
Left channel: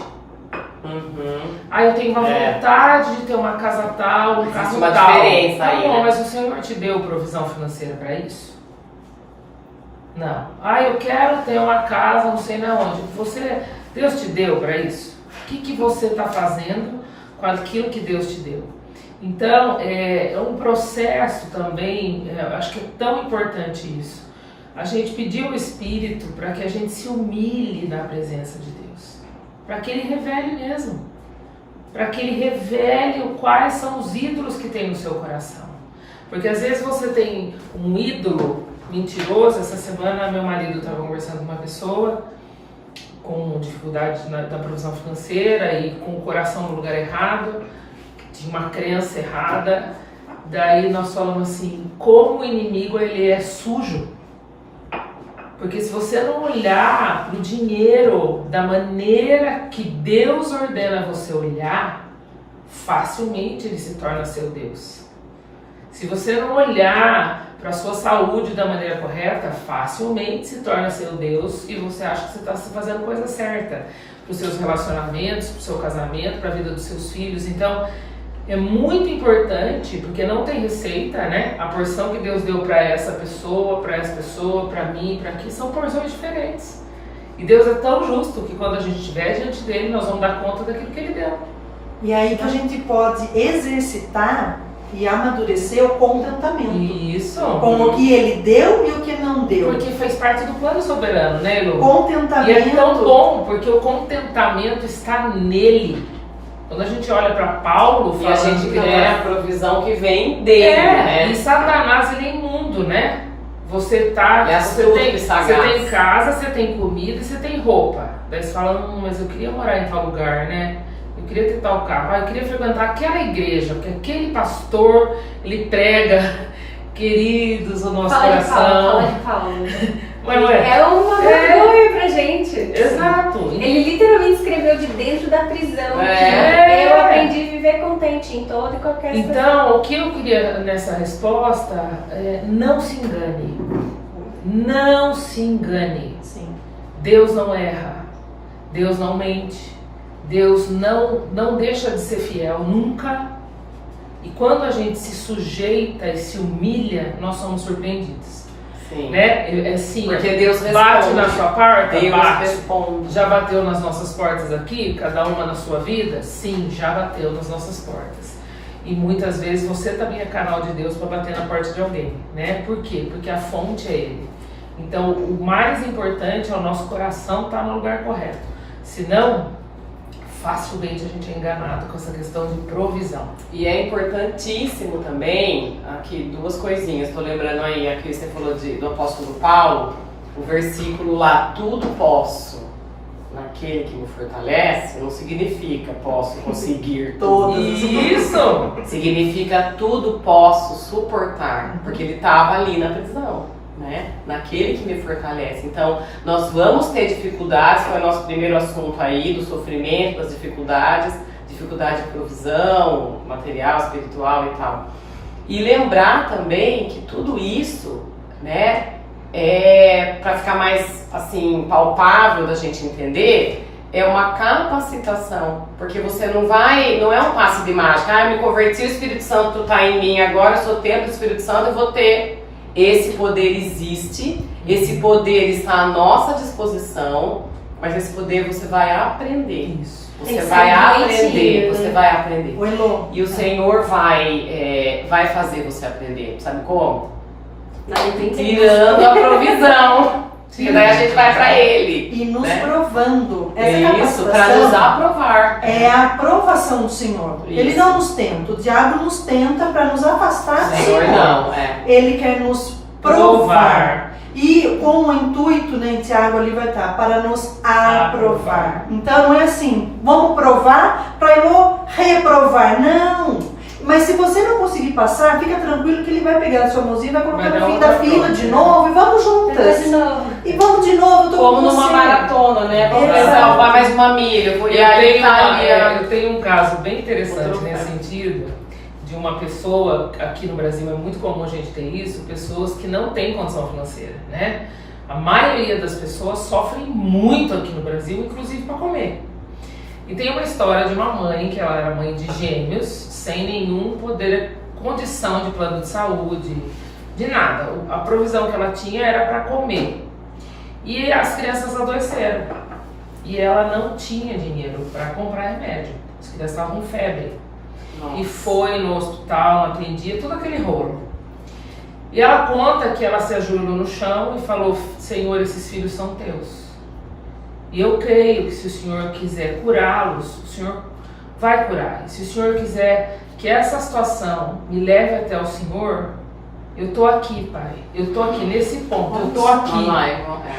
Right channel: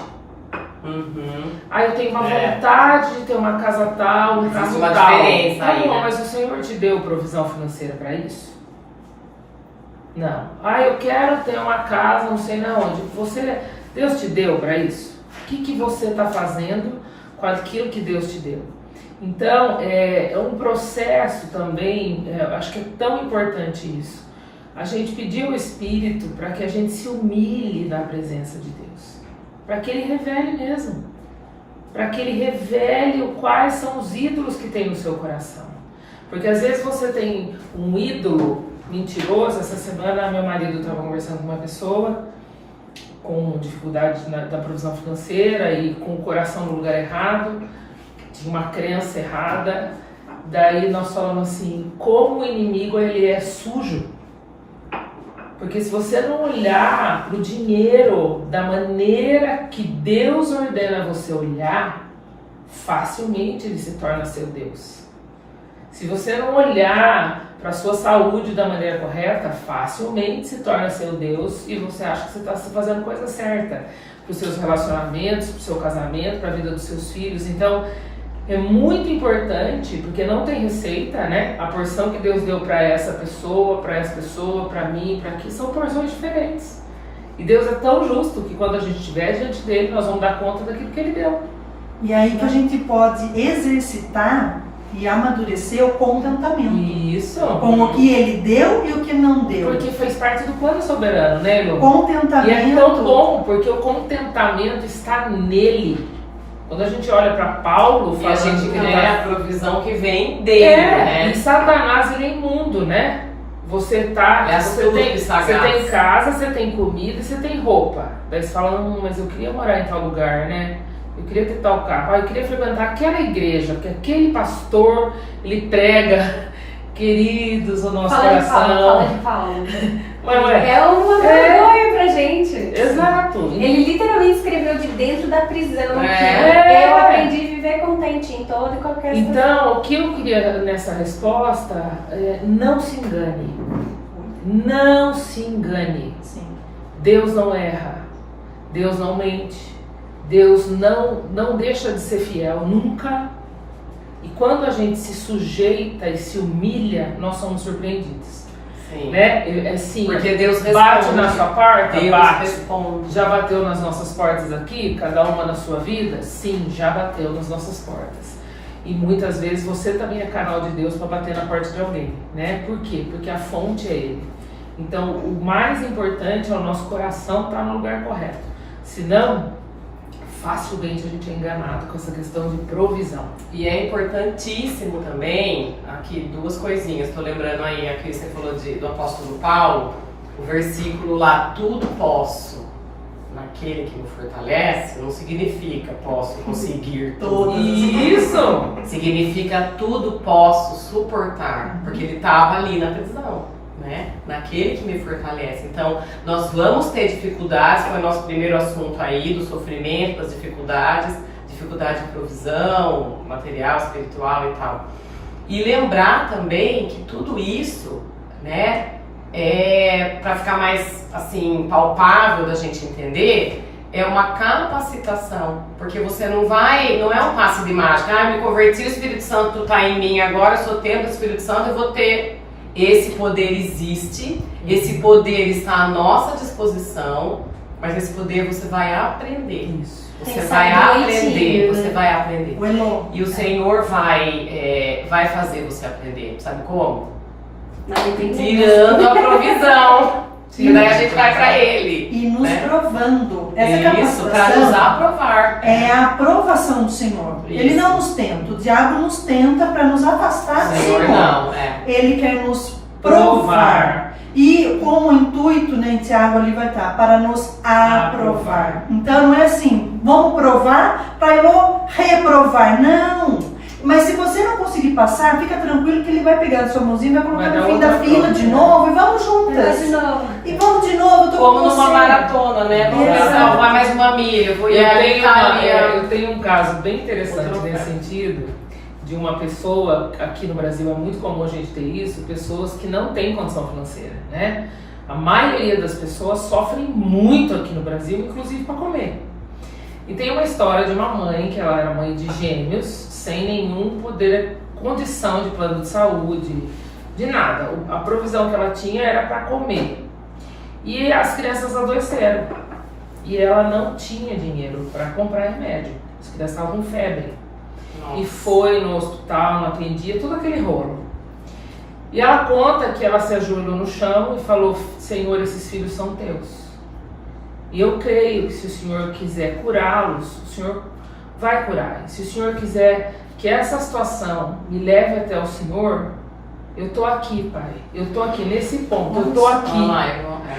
Eu tenho uma vontade de ter uma casa tal, um carro uma tal. diferença Tá aí, bom, né? mas o Senhor te deu provisão financeira para isso? Não. Eu quero ter uma casa, não sei na onde. Deus te deu para isso? O que você está fazendo com aquilo que Deus te deu? Então, é um processo também, acho que é tão importante isso. A gente pedir o Espírito para que a gente se humilhe na presença de Deus. Para que Ele revele mesmo. Para que Ele revele quais são os ídolos que tem no seu coração. Porque às vezes você tem um ídolo mentiroso. Essa semana meu marido estava conversando com uma pessoa com dificuldade da provisão financeira e com o coração no lugar errado, de uma crença errada. Daí nós falamos assim, como o inimigo ele é sujo. Porque se você não olhar para o dinheiro da maneira que Deus ordena você olhar, facilmente ele se torna seu Deus. Se você não olhar para a sua saúde da maneira correta, facilmente se torna seu Deus e você acha que você está fazendo coisa certa para os seus relacionamentos, para o seu casamento, para a vida dos seus filhos. Então, é muito importante, porque não tem receita, né? A porção que Deus deu para essa pessoa, para mim, para aqui, são porções diferentes. E Deus é tão justo que quando a gente estiver diante dele, nós vamos dar conta daquilo que ele deu. E aí que a gente pode exercitar e amadurecer o contentamento. Isso. Com o que ele deu e o que não deu. Porque fez parte do plano soberano, né, Lu? Contentamento. E é tão bom, porque o contentamento está nele. Quando a gente olha para Paulo, E a gente que crê a provisão que vem dele, né? E Satanás ele é imundo, né? Você tem casa, você tem comida, você tem roupa. Daí você fala, mas eu queria morar em tal lugar, né? Eu queria ter tal carro, eu queria frequentar aquela igreja, porque aquele pastor, ele prega, queridos, o nosso coração. Fala. Ué. É uma vergonha pra gente. Exato. Ele literalmente escreveu de dentro da prisão. Eu aprendi a viver contente em toda e qualquer situação. Então, o que eu queria nessa resposta é não se engane. Não se engane. Sim. Deus não erra. Deus não mente. Deus não deixa de ser fiel, nunca. E quando a gente se sujeita e se humilha, nós somos surpreendidos. Sim. Né? Assim, porque Deus responde. Bate na sua porta? Deus Bate. responde. Já bateu nas nossas portas aqui? Cada uma na sua vida? Sim, já bateu nas nossas portas. E muitas vezes você também é canal de Deus para bater na porta de alguém, né? Por quê? Porque a fonte é Ele. Então, o mais importante é o nosso coração estar no lugar correto. Senão, facilmente a gente é enganado com essa questão de provisão. E é importantíssimo também, aqui duas coisinhas, estou lembrando aí, aqui você falou do apóstolo Paulo, o versículo lá, tudo posso naquele que me fortalece, não significa posso conseguir tudo. Isso! Significa tudo posso suportar, porque ele estava ali na prisão, né? Naquele que me fortalece. Então, nós vamos ter dificuldades, foi o nosso primeiro assunto aí, do sofrimento, das dificuldade de provisão, material, espiritual e tal. E lembrar também que tudo isso, né, para ficar mais assim palpável da gente entender, é uma capacitação, porque você não é um passe de mágica, eu me converti, o Espírito Santo está em mim agora, eu sou templo do Espírito Santo, eu vou ter. Esse poder existe, esse poder está à nossa disposição, mas esse poder você vai aprender. Isso. Você vai aprender. O Elô. E o Senhor vai fazer você aprender. Sabe como? Tirando a provisão. E daí a gente vai para Ele. E nos provando. Isso, para nos aprovar. É a aprovação do Senhor. Isso. Ele não nos tenta. O diabo nos tenta para nos afastar do Senhor. Não, Ele quer nos provar. E com o intuito, né, em Tiago ali vai estar, para nos aprovar. Então não é assim, vamos provar para eu reprovar. Não. Mas se você não conseguir passar, fica tranquilo que ele vai pegar a sua mãozinha, vai colocar no fim da fila de novo e vamos juntas. E vamos de novo, como numa maratona, né? Vamos salvar mais uma milha. Eu tenho um caso bem interessante nesse sentido, de uma pessoa, aqui no Brasil é muito comum a gente ter isso, pessoas que não têm condição financeira, né? A maioria das pessoas sofrem muito aqui no Brasil, inclusive para comer. E tem uma história de uma mãe, que ela era mãe de gêmeos, sem nenhum poder, condição de plano de saúde, de nada. A provisão que ela tinha era para comer. E as crianças adoeceram. E ela não tinha dinheiro para comprar remédio. As crianças estavam com febre. Nossa. E foi no hospital, não atendia, todo aquele rolo. E ela conta que ela se ajoelhou no chão e falou: Senhor, esses filhos são teus. E eu creio que se o Senhor quiser curá-los, o Senhor vai curar. E se o Senhor quiser que que essa situação me leve até o Senhor, eu tô aqui, Pai. Eu tô aqui nesse ponto. Eu tô aqui,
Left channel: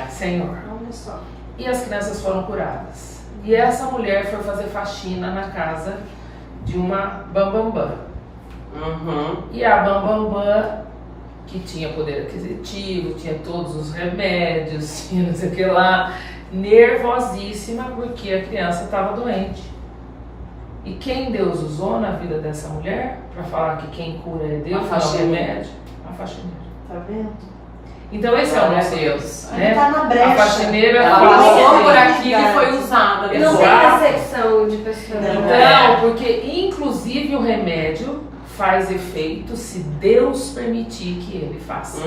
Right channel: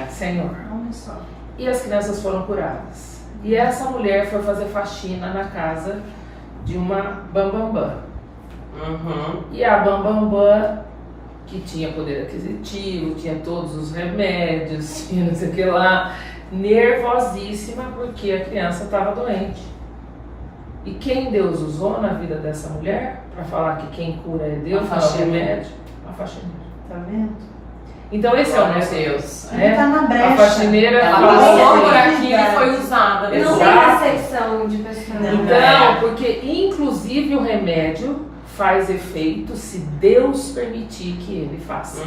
Senhor. Olha só. E as crianças foram curadas. E essa mulher foi fazer faxina na casa de uma bambambã. E a bambambã, que tinha poder aquisitivo, tinha todos os remédios, tinha não sei o que lá, nervosíssima porque a criança estava doente. E quem Deus usou na vida dessa mulher para falar que quem cura é Deus, não é o remédio? A faxineira. Tá vendo? Então esse é o nosso Deus. Ele tá na brecha. A faxineira Ela falou passou assim, por aquilo e foi usada. E não tem Exato. percepção de pessoa. Então, porque inclusive o remédio faz efeito se Deus permitir que ele faça.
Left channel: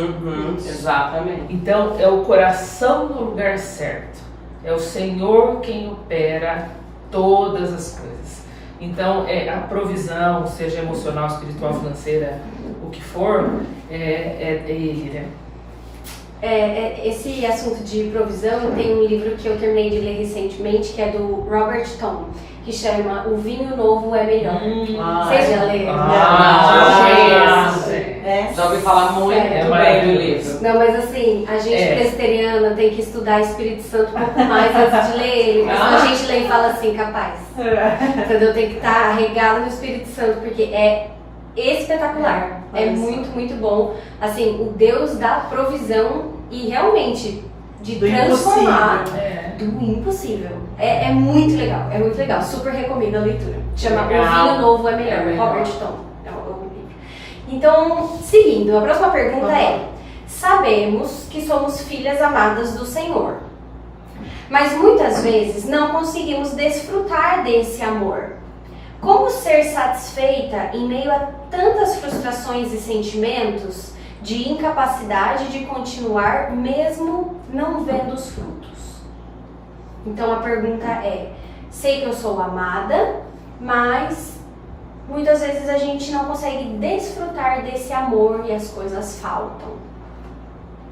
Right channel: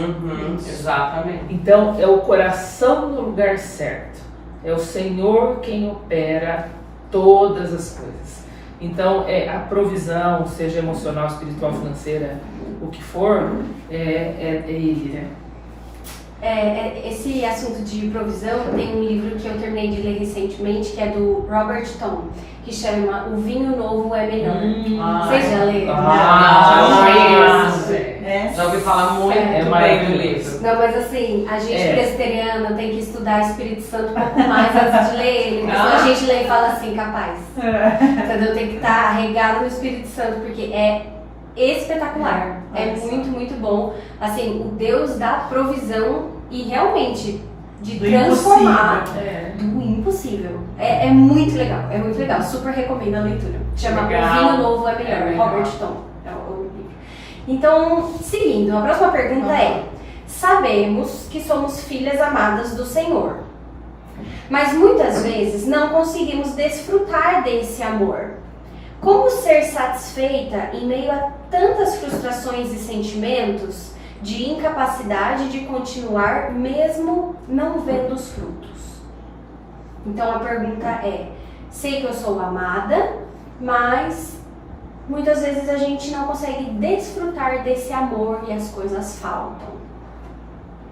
Exatamente. Então, é o coração no lugar certo. É o Senhor quem opera todas as coisas. Então, a provisão, seja emocional, espiritual, financeira, o que for, é Ele, né? Esse assunto de provisão, tem um livro que eu terminei de ler recentemente, que é do Robert Tom, que chama O Vinho Novo é Melhor. Vocês já leram? Já ouvi falar muito bem do livro. Não, mas assim, a gente presbiteriana tem que estudar Espírito Santo um pouco mais antes de ler ele. Porque a gente lê e fala assim, capaz. Entendeu? Tem que estar regado no Espírito Santo, porque é espetacular. É muito, muito bom. Assim, o Deus dá provisão e realmente de transformar do impossível. É muito legal, é muito legal. Super recomendo a leitura. Chama O Vinho Novo é Melhor, Robert Tom. É um livro. Então, seguindo, a próxima pergunta é: sabemos que somos filhas amadas do Senhor, mas muitas vezes não conseguimos desfrutar desse amor. Como ser satisfeita em meio a tantas frustrações e sentimentos de incapacidade de continuar mesmo não vendo os frutos? Então a pergunta é: sei que eu sou amada, mas muitas vezes a gente não consegue desfrutar desse amor e as coisas faltam.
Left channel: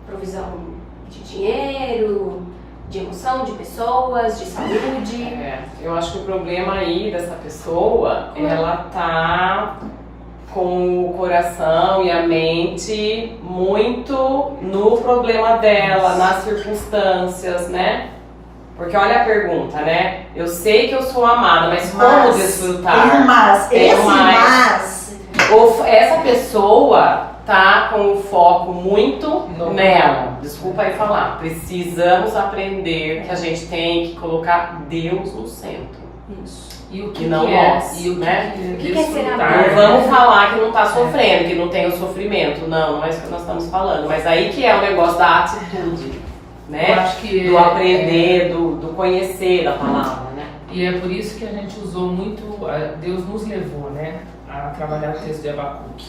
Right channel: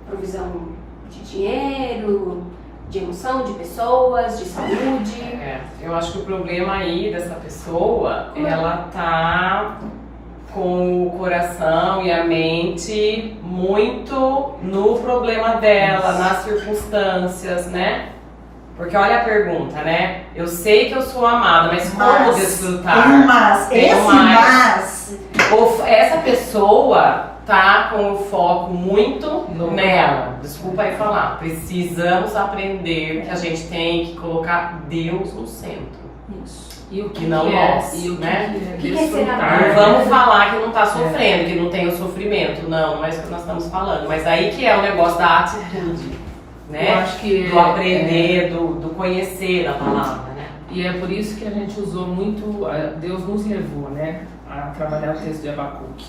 Provisão de dinheiro, de emoção, de pessoas, de saúde. Eu acho que o problema aí dessa pessoa, ela tá com o coração e a mente muito no problema dela, nas circunstâncias, né? Porque olha a pergunta, né? Eu sei que eu sou amada, mas como desfrutar? Essa pessoa tá com o foco muito nela. Desculpa aí falar. Precisamos aprender que a gente tem que colocar Deus no centro. Isso. E o que não nós, e o né? que é ser amado? Não vamos falar que não tá sofrendo, que não tem o sofrimento. Não é isso que nós estamos falando. Mas aí que é o negócio da atitude, né? Eu acho que do aprender, do conhecer da palavra, né? E é por isso que a gente usou muito, Deus nos levou, né, a trabalhar o texto de Abacuque.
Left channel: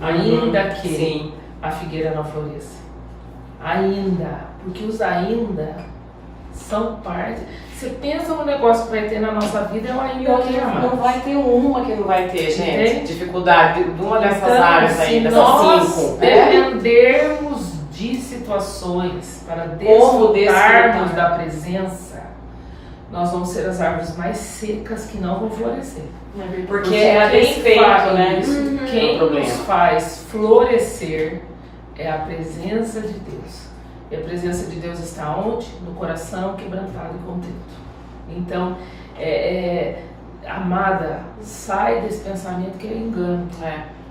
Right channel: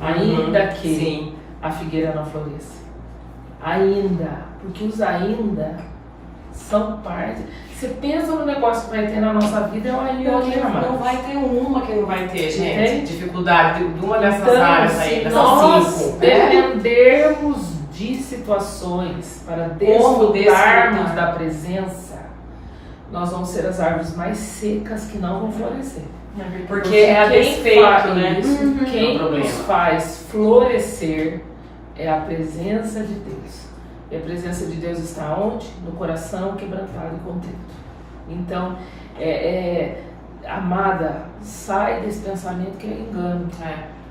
Ainda que a figueira não floresça. Ainda, porque os ainda são parte. Você pensa no negócio que vai ter na nossa vida, é o ainda que não vai ter uma que não vai ter, gente. Entende? Dificuldade de uma dessas Então, áreas aí, se dessas nós 5. dependermos de situações para desfrutarmos da presença, nós vamos ser as árvores mais secas que não vão florescer. Porque é a desfeito, né? Quem nos faz florescer é a presença de Deus. E a presença de Deus está onde? No coração quebrantado e contrito. Então, amada, sai desse pensamento que é engano.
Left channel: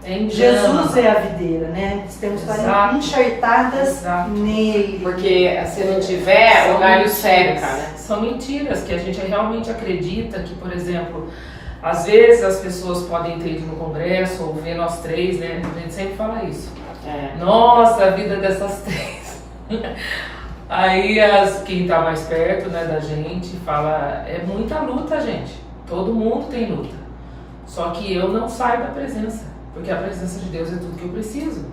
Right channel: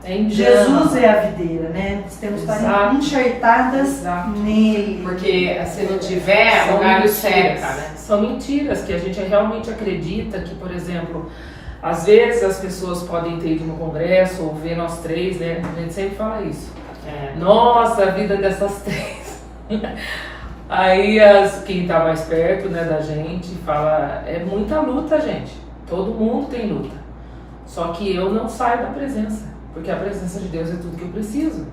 É engano. Jesus é a videira, né? Temos que estar enxertadas nele. Porque se não tiver, o galho seca, né? São mentiras que a gente realmente acredita que, por exemplo, às vezes as pessoas podem ter ido no congresso ou ver nós três, né? A gente sempre fala isso. Nossa, a vida dessas três. Aí quem tá mais perto, né, da gente fala, é muita luta, gente. Todo mundo tem luta. Só que eu não saio da presença, porque a presença de Deus é tudo que eu preciso.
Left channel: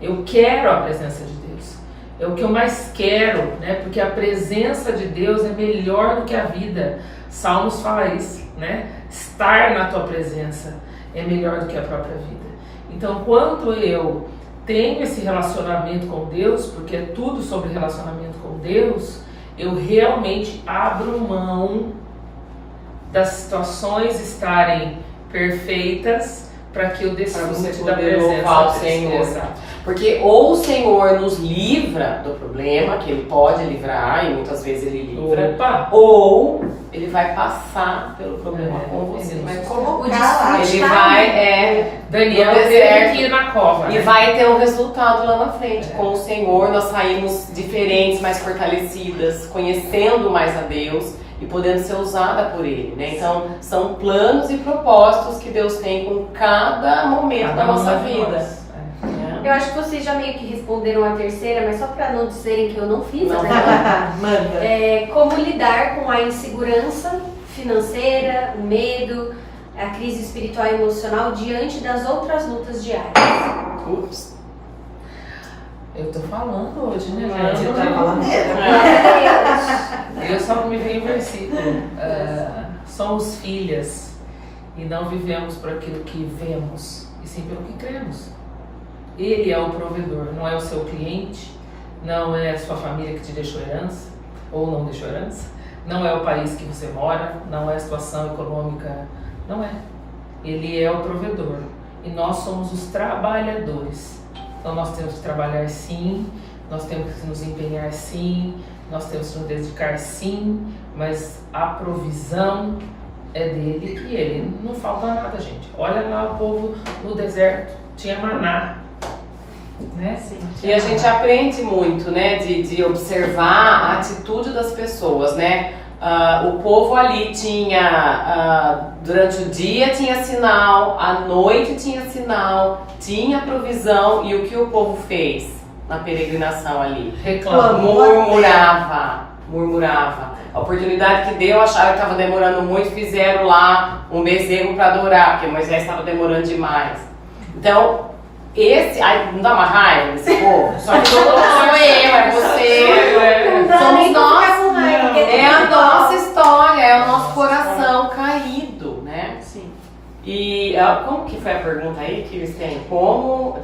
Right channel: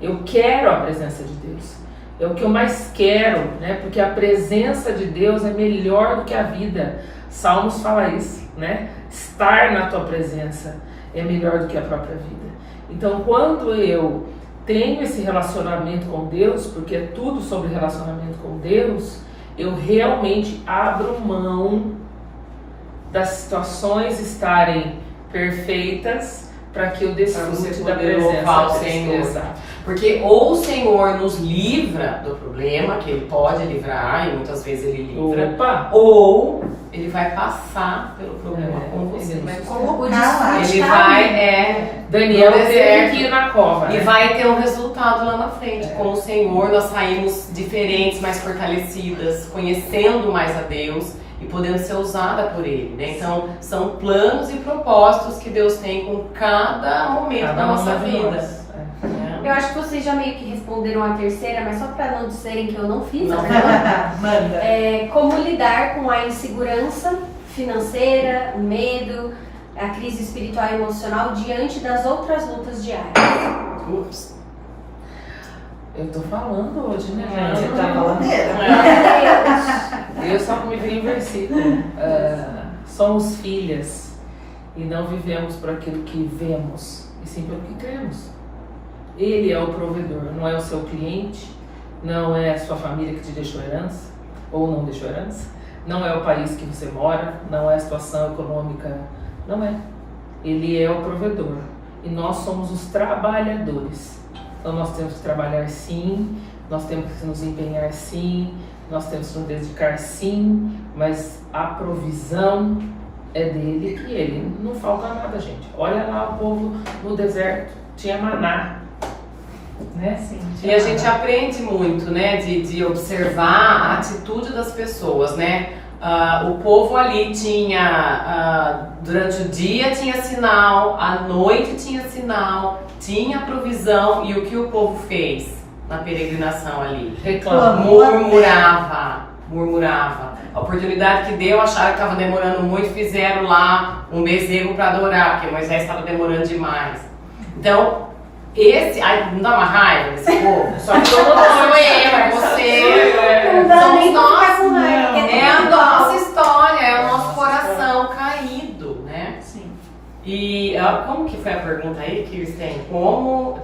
Eu quero a presença de Deus. É o que eu mais quero, né? Porque a presença de Deus é melhor do que a vida. Salmos fala isso, né? Estar na tua presença é melhor do que a própria vida. Então, quando eu tenho esse relacionamento com Deus, porque é tudo sobre relacionamento com Deus, eu realmente abro mão das situações estarem perfeitas para que eu Pra desfrute você da poder presença louvar o dele. Senhor. Exato. Porque ou o Senhor nos livra do problema, que Ele pode livrar, e muitas vezes Ele livra, Opa! ou Ele vai passar pelo problema É, com você. ele Vai nos colocar lá. Ele vai, Daniel No teve deserto. que ir na cova, e né? vai ter um resultado lá na frente. Com o Senhor, nós saímos diferentes, mais fortalecidas, conhecendo mais a Deus e podendo ser usada por Ele, né? Então, são planos e propósitos que Deus tem com cada momento da nossa uma de vida. nós. né? Eu acho que vocês já meio que responderam a terceira, mas só para não dizerem que eu não fiz a Não. pergunta. Manda. Como lidar com a insegurança financeira, o medo, a crise espiritual e emocional diante das outras lutas diárias? Ups. Eu tô falando hoje, né, Ah, gente? Você tá faladeira. Eu só me vi em versículo. Somos filhas e não vivemos por aquilo que vemos, e sim pelo que cremos. Ele é o provedor, não é o seu cliente, não é a sua família que te deixou herança, ou não deixou herança, não é o país que você mora, não é a situação econômica, não é. Ele é o provedor e nós somos os trabalhadores. Então nós temos que trabalhar sim, nós temos que nos empenhar sim, nós temos que nos dedicar sim, mas a provisão é dele e ele não falta nada, gente. Olha lá o povo no deserto, tinha maná, né? Sim, E a gente aprende muito, né, de observar a atitude das pessoas, né? O povo ali tinha, durante o dia tinha sinal, à noite tinha sinal, tinha provisão, e o que o povo fez na peregrinação ali? reclama. Murmurava. A oportunidade que deu, acharam que estava demorando muito, fizeram lá um bezerro para adorar, porque Moisés estava demorando demais. Então, ai, não dá uma raiva desse povo? Só que todo mundo sou eu, é você, Não dá somos nem pra nós. ficar com raiva, porque É a tudo nossa igual. história, é o nosso coração caído, né? Sim. E como que foi a pergunta aí que eles têm? Como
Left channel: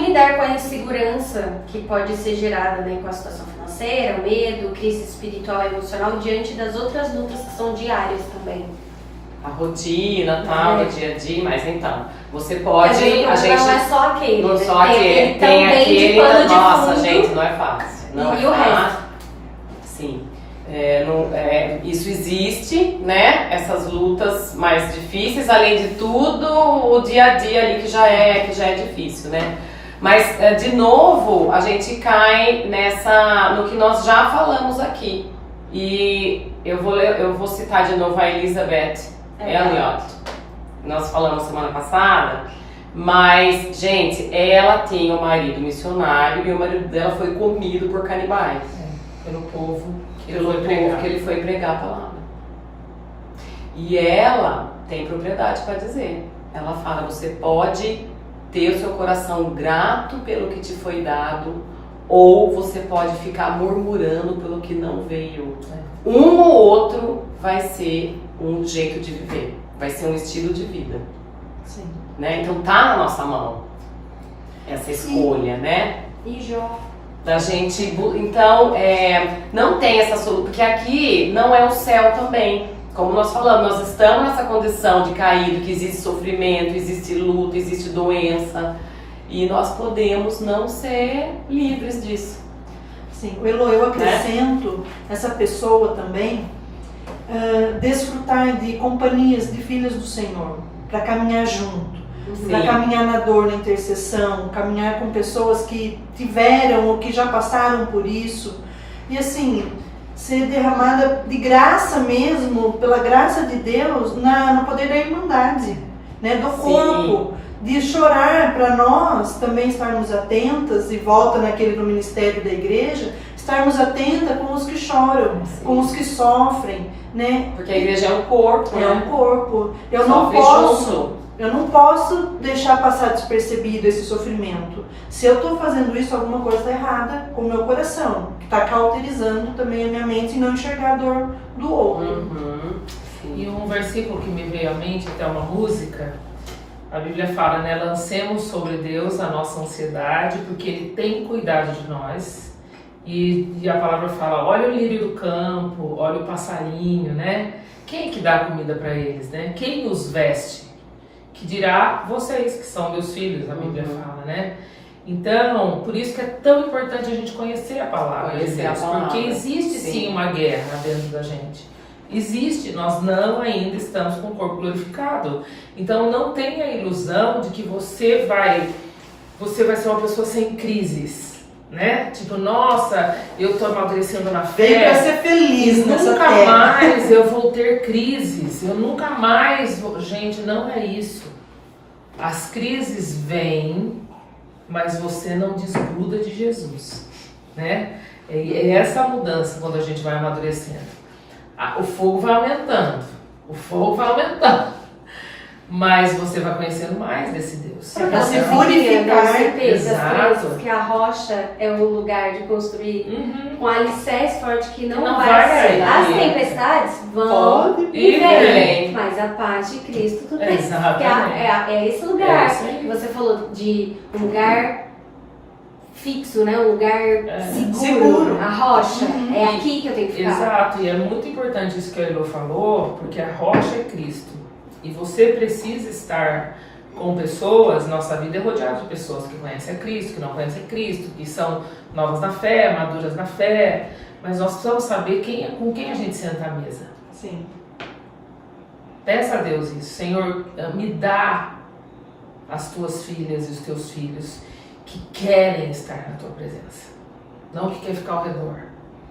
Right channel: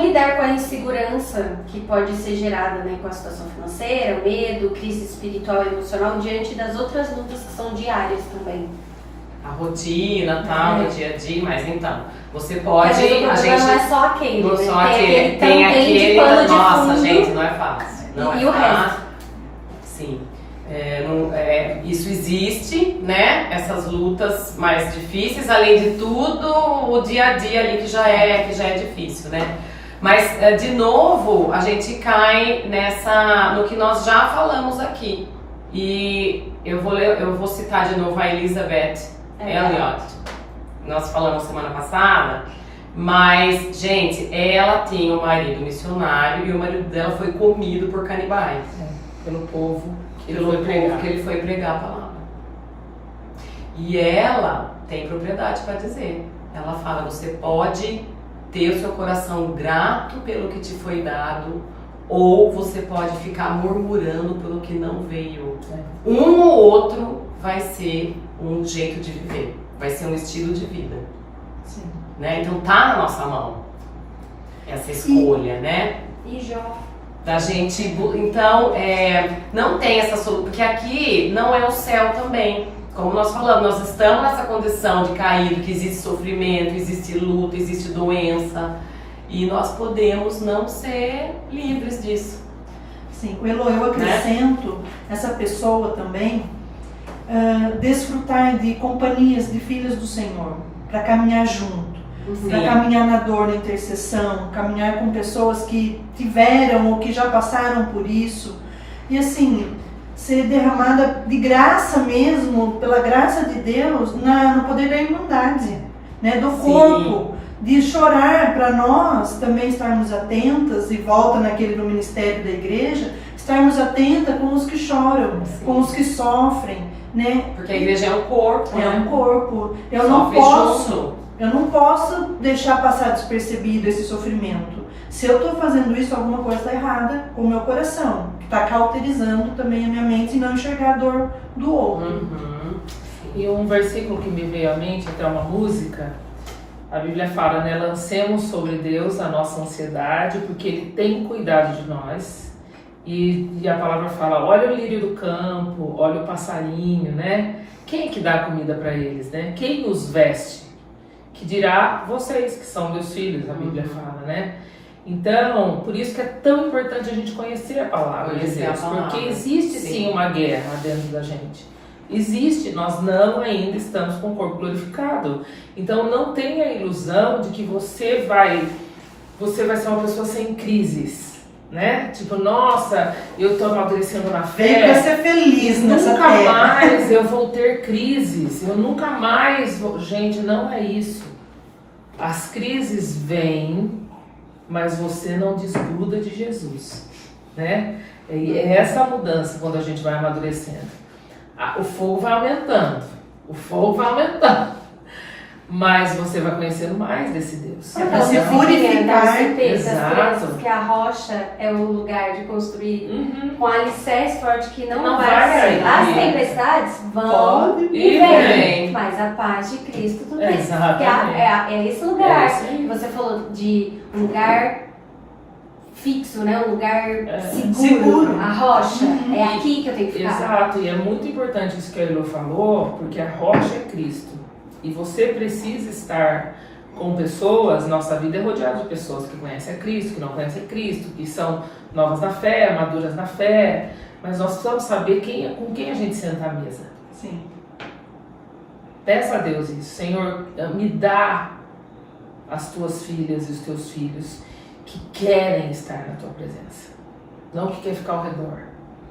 lidar com a insegurança que pode ser gerada, né, com a situação financeira, o medo, crise espiritual e emocional diante das outras lutas que são diárias também. A rotina, tal, o dia a dia, mas então, você Porque pode, às vezes o a problema gente... não é só aquele, Não né? só aquele, tem também aquele, de pano de nossa, fundo. gente, não é fácil. Não E é o fácil. resto? Sim. Isso existe, né? Essas lutas mais difíceis, além de tudo, o dia a dia ali que já é difícil, né? Mas, de novo, a gente cai no que nós já falamos aqui. E eu vou citar de novo a Elizabeth Elliot. Nós falamos semana passada, mas, gente, ela tem um marido missionário e o marido dela foi comido por canibais. Pelo povo que Pelo ele foi pregar. povo que ele foi pregar a palavra. E ela tem propriedade para dizer. Ela fala, você pode ter o seu coração grato pelo que te foi dado, ou você pode ficar murmurando pelo que não veio. Um ou outro vai ser um jeito de viver, vai ser um estilo de vida. Sim. Né? Então tá na nossa mão essa escolha, né? E Jó? Da gente, então, não tem essa solução, porque aqui não é o céu também. Como nós falamos, nós estamos nessa condição de caído, que existe sofrimento, existe luta, existe doença, e nós podemos não ser livres disso. Sim. Elo, eu acrescento essa pessoa também desfrutar de companhias de filhas do Senhor, para caminhar junto. Para caminhar na dor, na intercessão, caminhar com pessoas que tiveram ou que já passaram por isso. E assim, ser derramada de graça mesmo, pela graça de Deus, no poder da irmandade, né, do corpo. De chorar para nós também estarmos atentas, e volta naquele do ministério da igreja, estarmos atentas com os que choram, com os que sofrem, né? Porque a igreja é um corpo, É um corpo. Eu não posso deixar passar despercebido esse sofrimento. Se eu estou fazendo isso, alguma coisa está errada com o meu coração, que está cauterizando também a minha mente e não enxergar a dor do outro. E um versículo que me veio à mente, até uma música, a Bíblia fala, né? Lancemos sobre Deus a nossa ansiedade, porque Ele tem cuidado de nós. E a palavra fala, olha o lírio do campo, olha o passarinho, né? Quem que dá comida para eles, né? Quem os veste? Que dirá vocês, que são meus filhos, a Bíblia fala, né? Então, por isso que é tão importante a gente conhecer a palavra de Deus, porque existe sim uma guerra dentro da gente. Existe, nós não ainda estamos com o corpo glorificado. Então não tenha a ilusão de que você vai ser uma pessoa sem crises, né? Tipo, nossa, eu tô amadurecendo na fé. Vem pra ser feliz nessa Nunca terra. mais eu vou ter crises, eu nunca mais vou... Gente, não é isso. As crises vêm, mas você não desgruda de Jesus, né? É essa a mudança quando a gente vai amadurecendo. O fogo vai aumentando, mas você vai conhecendo mais desse Deus. Pra se purificar. Exato. Que a rocha é um lugar de construir com alicerce forte que não vai vai sair. sair. As tempestades vão Pode e vêm, vem. mas a paz de Cristo tudo bem. Exatamente. É esse lugar É isso aí. que você falou de um lugar fixo, né? Um lugar seguro. A rocha. É aqui que eu tenho que ficar. Exato, e é muito importante isso que a Elô falou, porque a rocha é Cristo. E você precisa estar com pessoas, nossa vida é rodeada de pessoas que conhecem a Cristo, que não conhecem a Cristo, que são novas na fé, maduras na fé, mas nós precisamos saber com quem a gente senta à mesa. Sim. Peça a Deus isso, Senhor, me dá as tuas filhas e os teus filhos que querem estar na tua presença, não que querem ficar ao redor,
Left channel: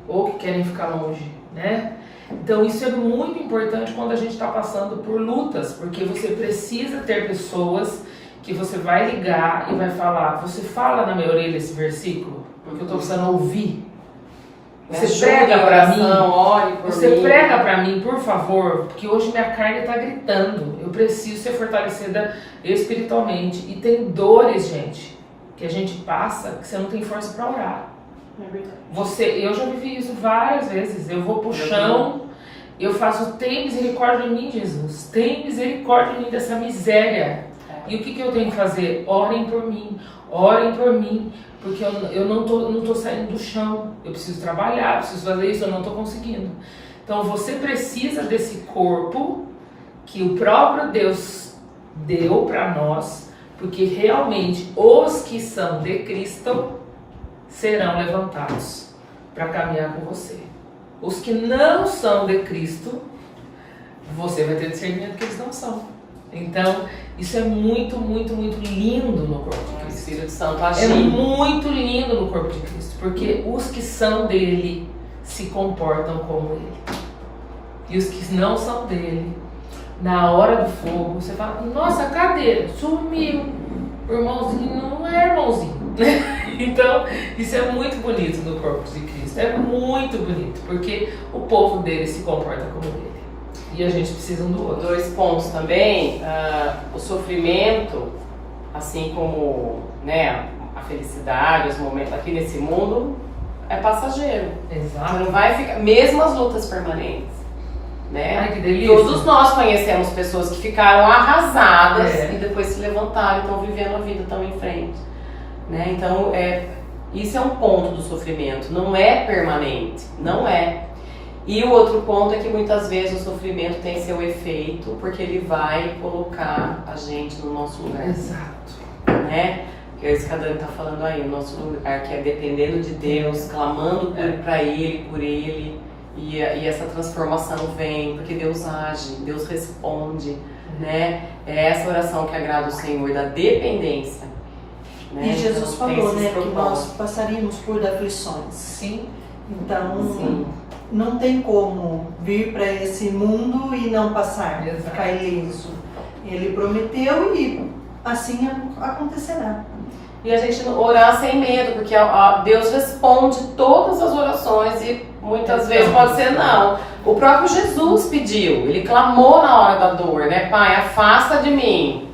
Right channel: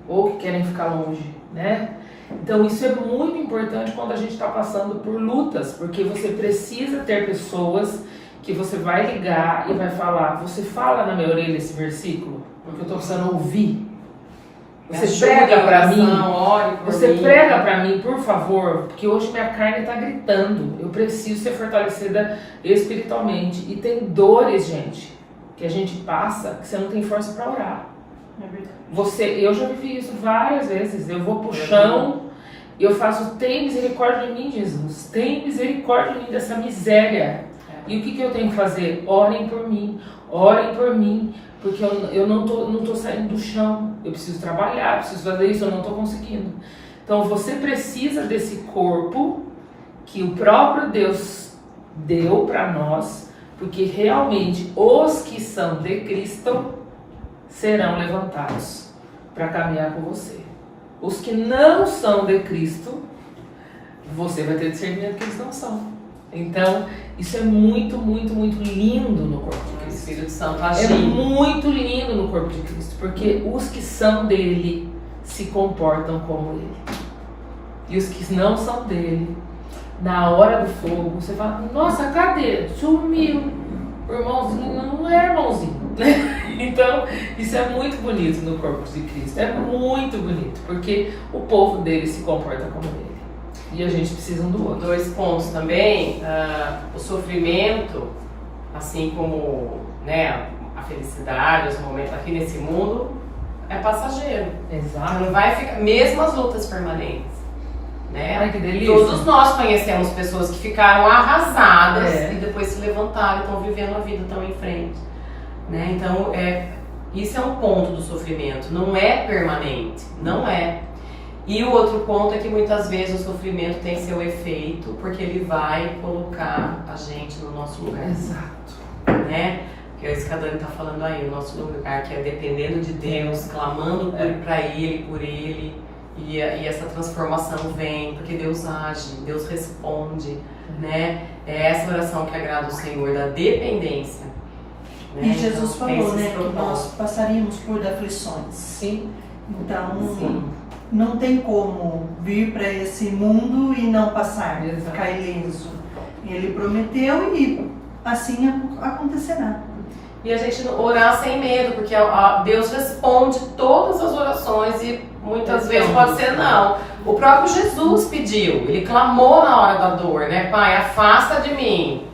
ou que querem ficar longe, né? Então isso é muito importante quando a gente está passando por lutas, porque você precisa ter pessoas que você vai ligar e vai falar, você fala na minha orelha esse versículo, porque eu estou precisando ouvir. Você prega para mim, ore por você mim. prega para mim, por favor, porque hoje minha carne está gritando, eu preciso ser fortalecida espiritualmente. E tem dores, gente, que a gente passa que você não tem força para orar. É verdade. Eu já vivi isso várias vezes. Eu vou pro chão, eu faço, tem misericórdia de mim, Jesus. Tem misericórdia de mim dessa miséria. E o que eu tenho que fazer? Orem por mim, porque eu não tô saindo do chão. Eu preciso trabalhar, eu preciso fazer isso, eu não tô conseguindo. Então você precisa desse corpo que o próprio Deus deu para nós, porque realmente os que são de Cristo serão levantados para caminhar com você. Os que não são de Cristo, você vai ter discernimento que eles não são. Então, isso é muito, muito, muito lindo no corpo de O Cristo. Espírito Santo É agindo. muito lindo no corpo de Cristo, porque os que são dele se comportam como ele. E os que não são dele, na hora do fogo, você fala, nossa, cadê? Sumiu. O irmãozinho não é irmãozinho. Então, isso é muito bonito no corpo de Cristo. É muito bonito, porque o povo dele se comporta como ele. E a gente precisa um do outro. 2 pontos também, o sofrimento, assim como, né, a felicidade, os momentos aqui nesse mundo, é passageiro. Exato. Não vai ficar, mesmo as lutas permanentes, né? Ai, que delícia. Todos nós conhecemos pessoas que ficaram arrasadas É. e depois se levantaram, estão vivendo a vida, estão em frente, né? Então, isso é um ponto do sofrimento, não é permanente, não é. E o outro ponto é que muitas vezes o sofrimento tem seu efeito, porque ele vai colocar a gente no nosso lugar, Exato. né? Que é isso que a Dani tá falando aí, o nosso lugar, que é dependendo de Deus, clamando para Ele, por Ele, e essa transformação vem, porque Deus age, Deus responde, né? É essa oração que agrada o Senhor, da dependência. Né? E Jesus Então, tem falou, esses né, que nós propósitos. passaríamos por aflições. Sim. Então, Sim. não tem como vir para esse mundo e não passar, Exato. ficar ileso. Ele prometeu e assim acontecerá. E a gente orar sem medo, porque Deus responde todas as orações e muitas vezes pode ser não. O próprio Jesus pediu, ele clamou na hora da dor, né? Pai, afasta de mim,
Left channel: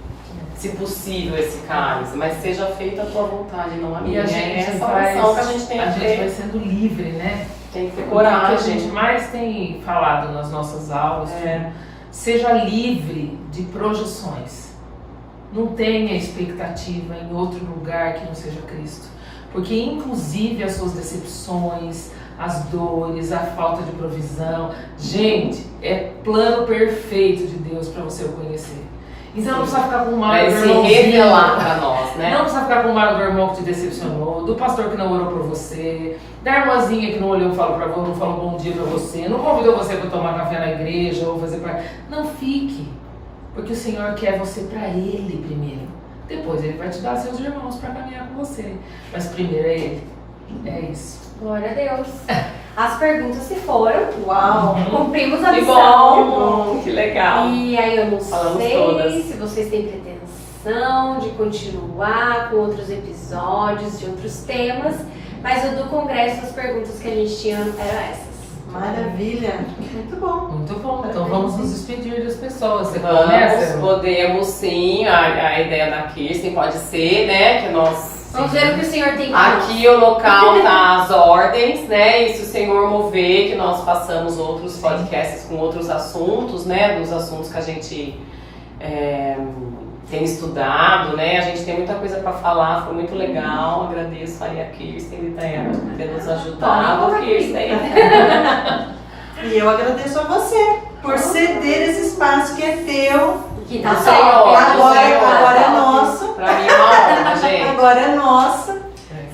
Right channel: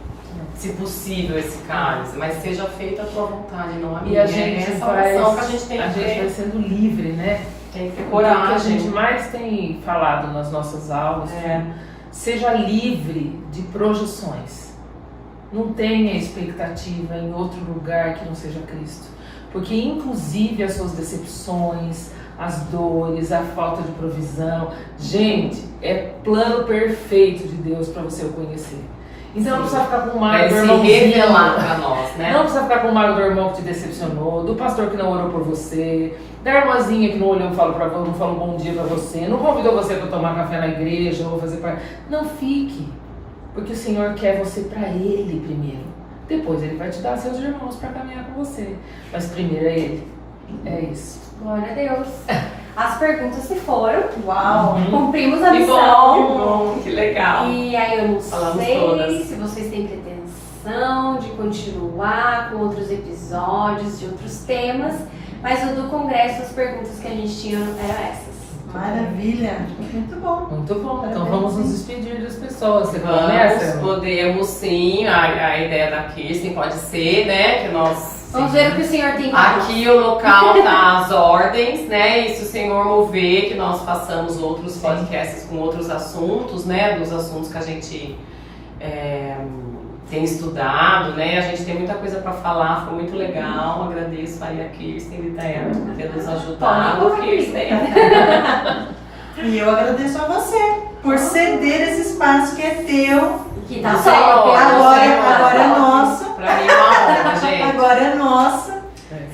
se possível, esse cálice, mas seja feita a tua vontade, não a minha. E a gente é essa vai, oração que a gente tem que vai ter. sendo livre, né? Tem que ter O que a coragem. gente mais tem falado nas nossas aulas, seja livre de projeções. Não tenha expectativa em outro lugar que não seja Cristo. Porque inclusive as suas decepções, as dores, a falta de provisão, gente, é plano perfeito de Deus para você o conhecer. Então não precisa ficar com mágoa Vai do se irmãozinho. revelar pra nós, né? Não precisa ficar com mágoa do irmão que te decepcionou, do pastor que não orou por você, da irmãzinha que não olhou e falou não falou bom dia pra você, não convidou você pra tomar café na igreja ou fazer pra... Não fique, porque o Senhor quer você pra Ele primeiro. Depois Ele vai te dar seus irmãos pra caminhar com você. Mas primeiro é Ele. É isso. Glória a Deus. As perguntas se foram. Uau! Cumprimos a Que missão. bom, que legal. E aí eu não Falamos sei todas. se vocês têm pretensão de continuar com outros episódios, de outros temas, mas o do congresso, as perguntas que a gente tinha eram essas. Maravilha! Muito bom. Muito bom. Então Parabéns, vamos nos sim. despedir das pessoas. Você Vamos, começa? podemos sim, a ideia da Kirsten pode ser, né, que nós... Vamos ver o que o Senhor tem para nós. Aqui o local tá às ordens, né? E se o Senhor mover, que nós façamos outros podcasts com outros assuntos, né? Dos assuntos que a gente tem estudado, né? A gente tem muita coisa para falar, foi muito legal. Agradeço aí a Kirsten e Dayana por ter nos ajudado. Kirsten. E eu agradeço a você por ceder esse espaço que é teu. Que tá Senhor, só. Agora é nosso. Pra mim é uma honra, gente. Agora é nossa.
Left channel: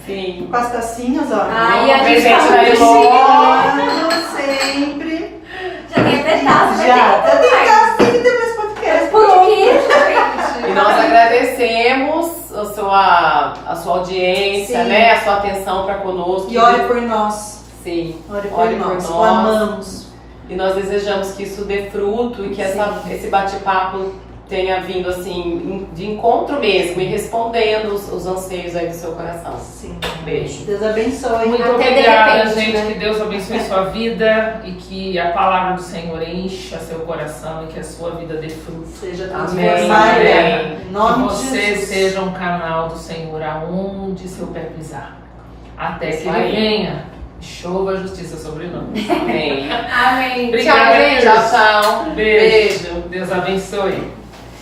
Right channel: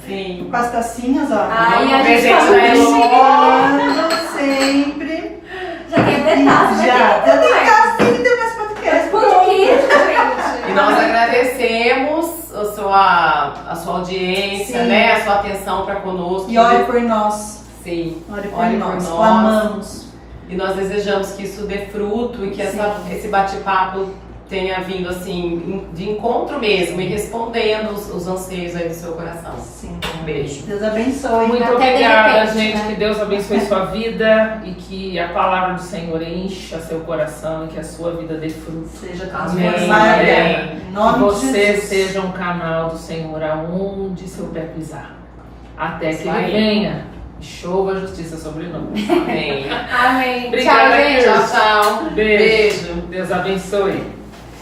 Sim. Com as tacinhas, ó. Aí a gente Presente tá da muito Elô. chique. Sempre. Já tem até taça, Já. vai ter Tem mais. que ter mais podcast. Por quê, E gente? nós agradecemos a sua audiência, Sim. né? A sua atenção para conosco. E ore por nós. Sim. Ore por Ore nós. por nós. Clamamos. E nós desejamos que isso dê fruto e que Sim. esse bate-papo tenha vindo assim de encontro mesmo e respondendo os anseios aí do seu coração. Sim. Um beijo. Deus abençoe. Muito Até de obrigada, repente, gente. né? Que Deus abençoe sua vida e que a palavra do Senhor encha seu coração e que a sua vida dê fruto. Seja Amém. transformada. Amém. Em Que nome de você Jesus. seja um canal do Senhor aonde seu pé pisar. Até que Isso ele aí. venha e chova a justiça sobre nós. Amém. Amém. Obrigada, Tchau, gente. Tchau, tchau. Beijo. Beijo. Deus abençoe.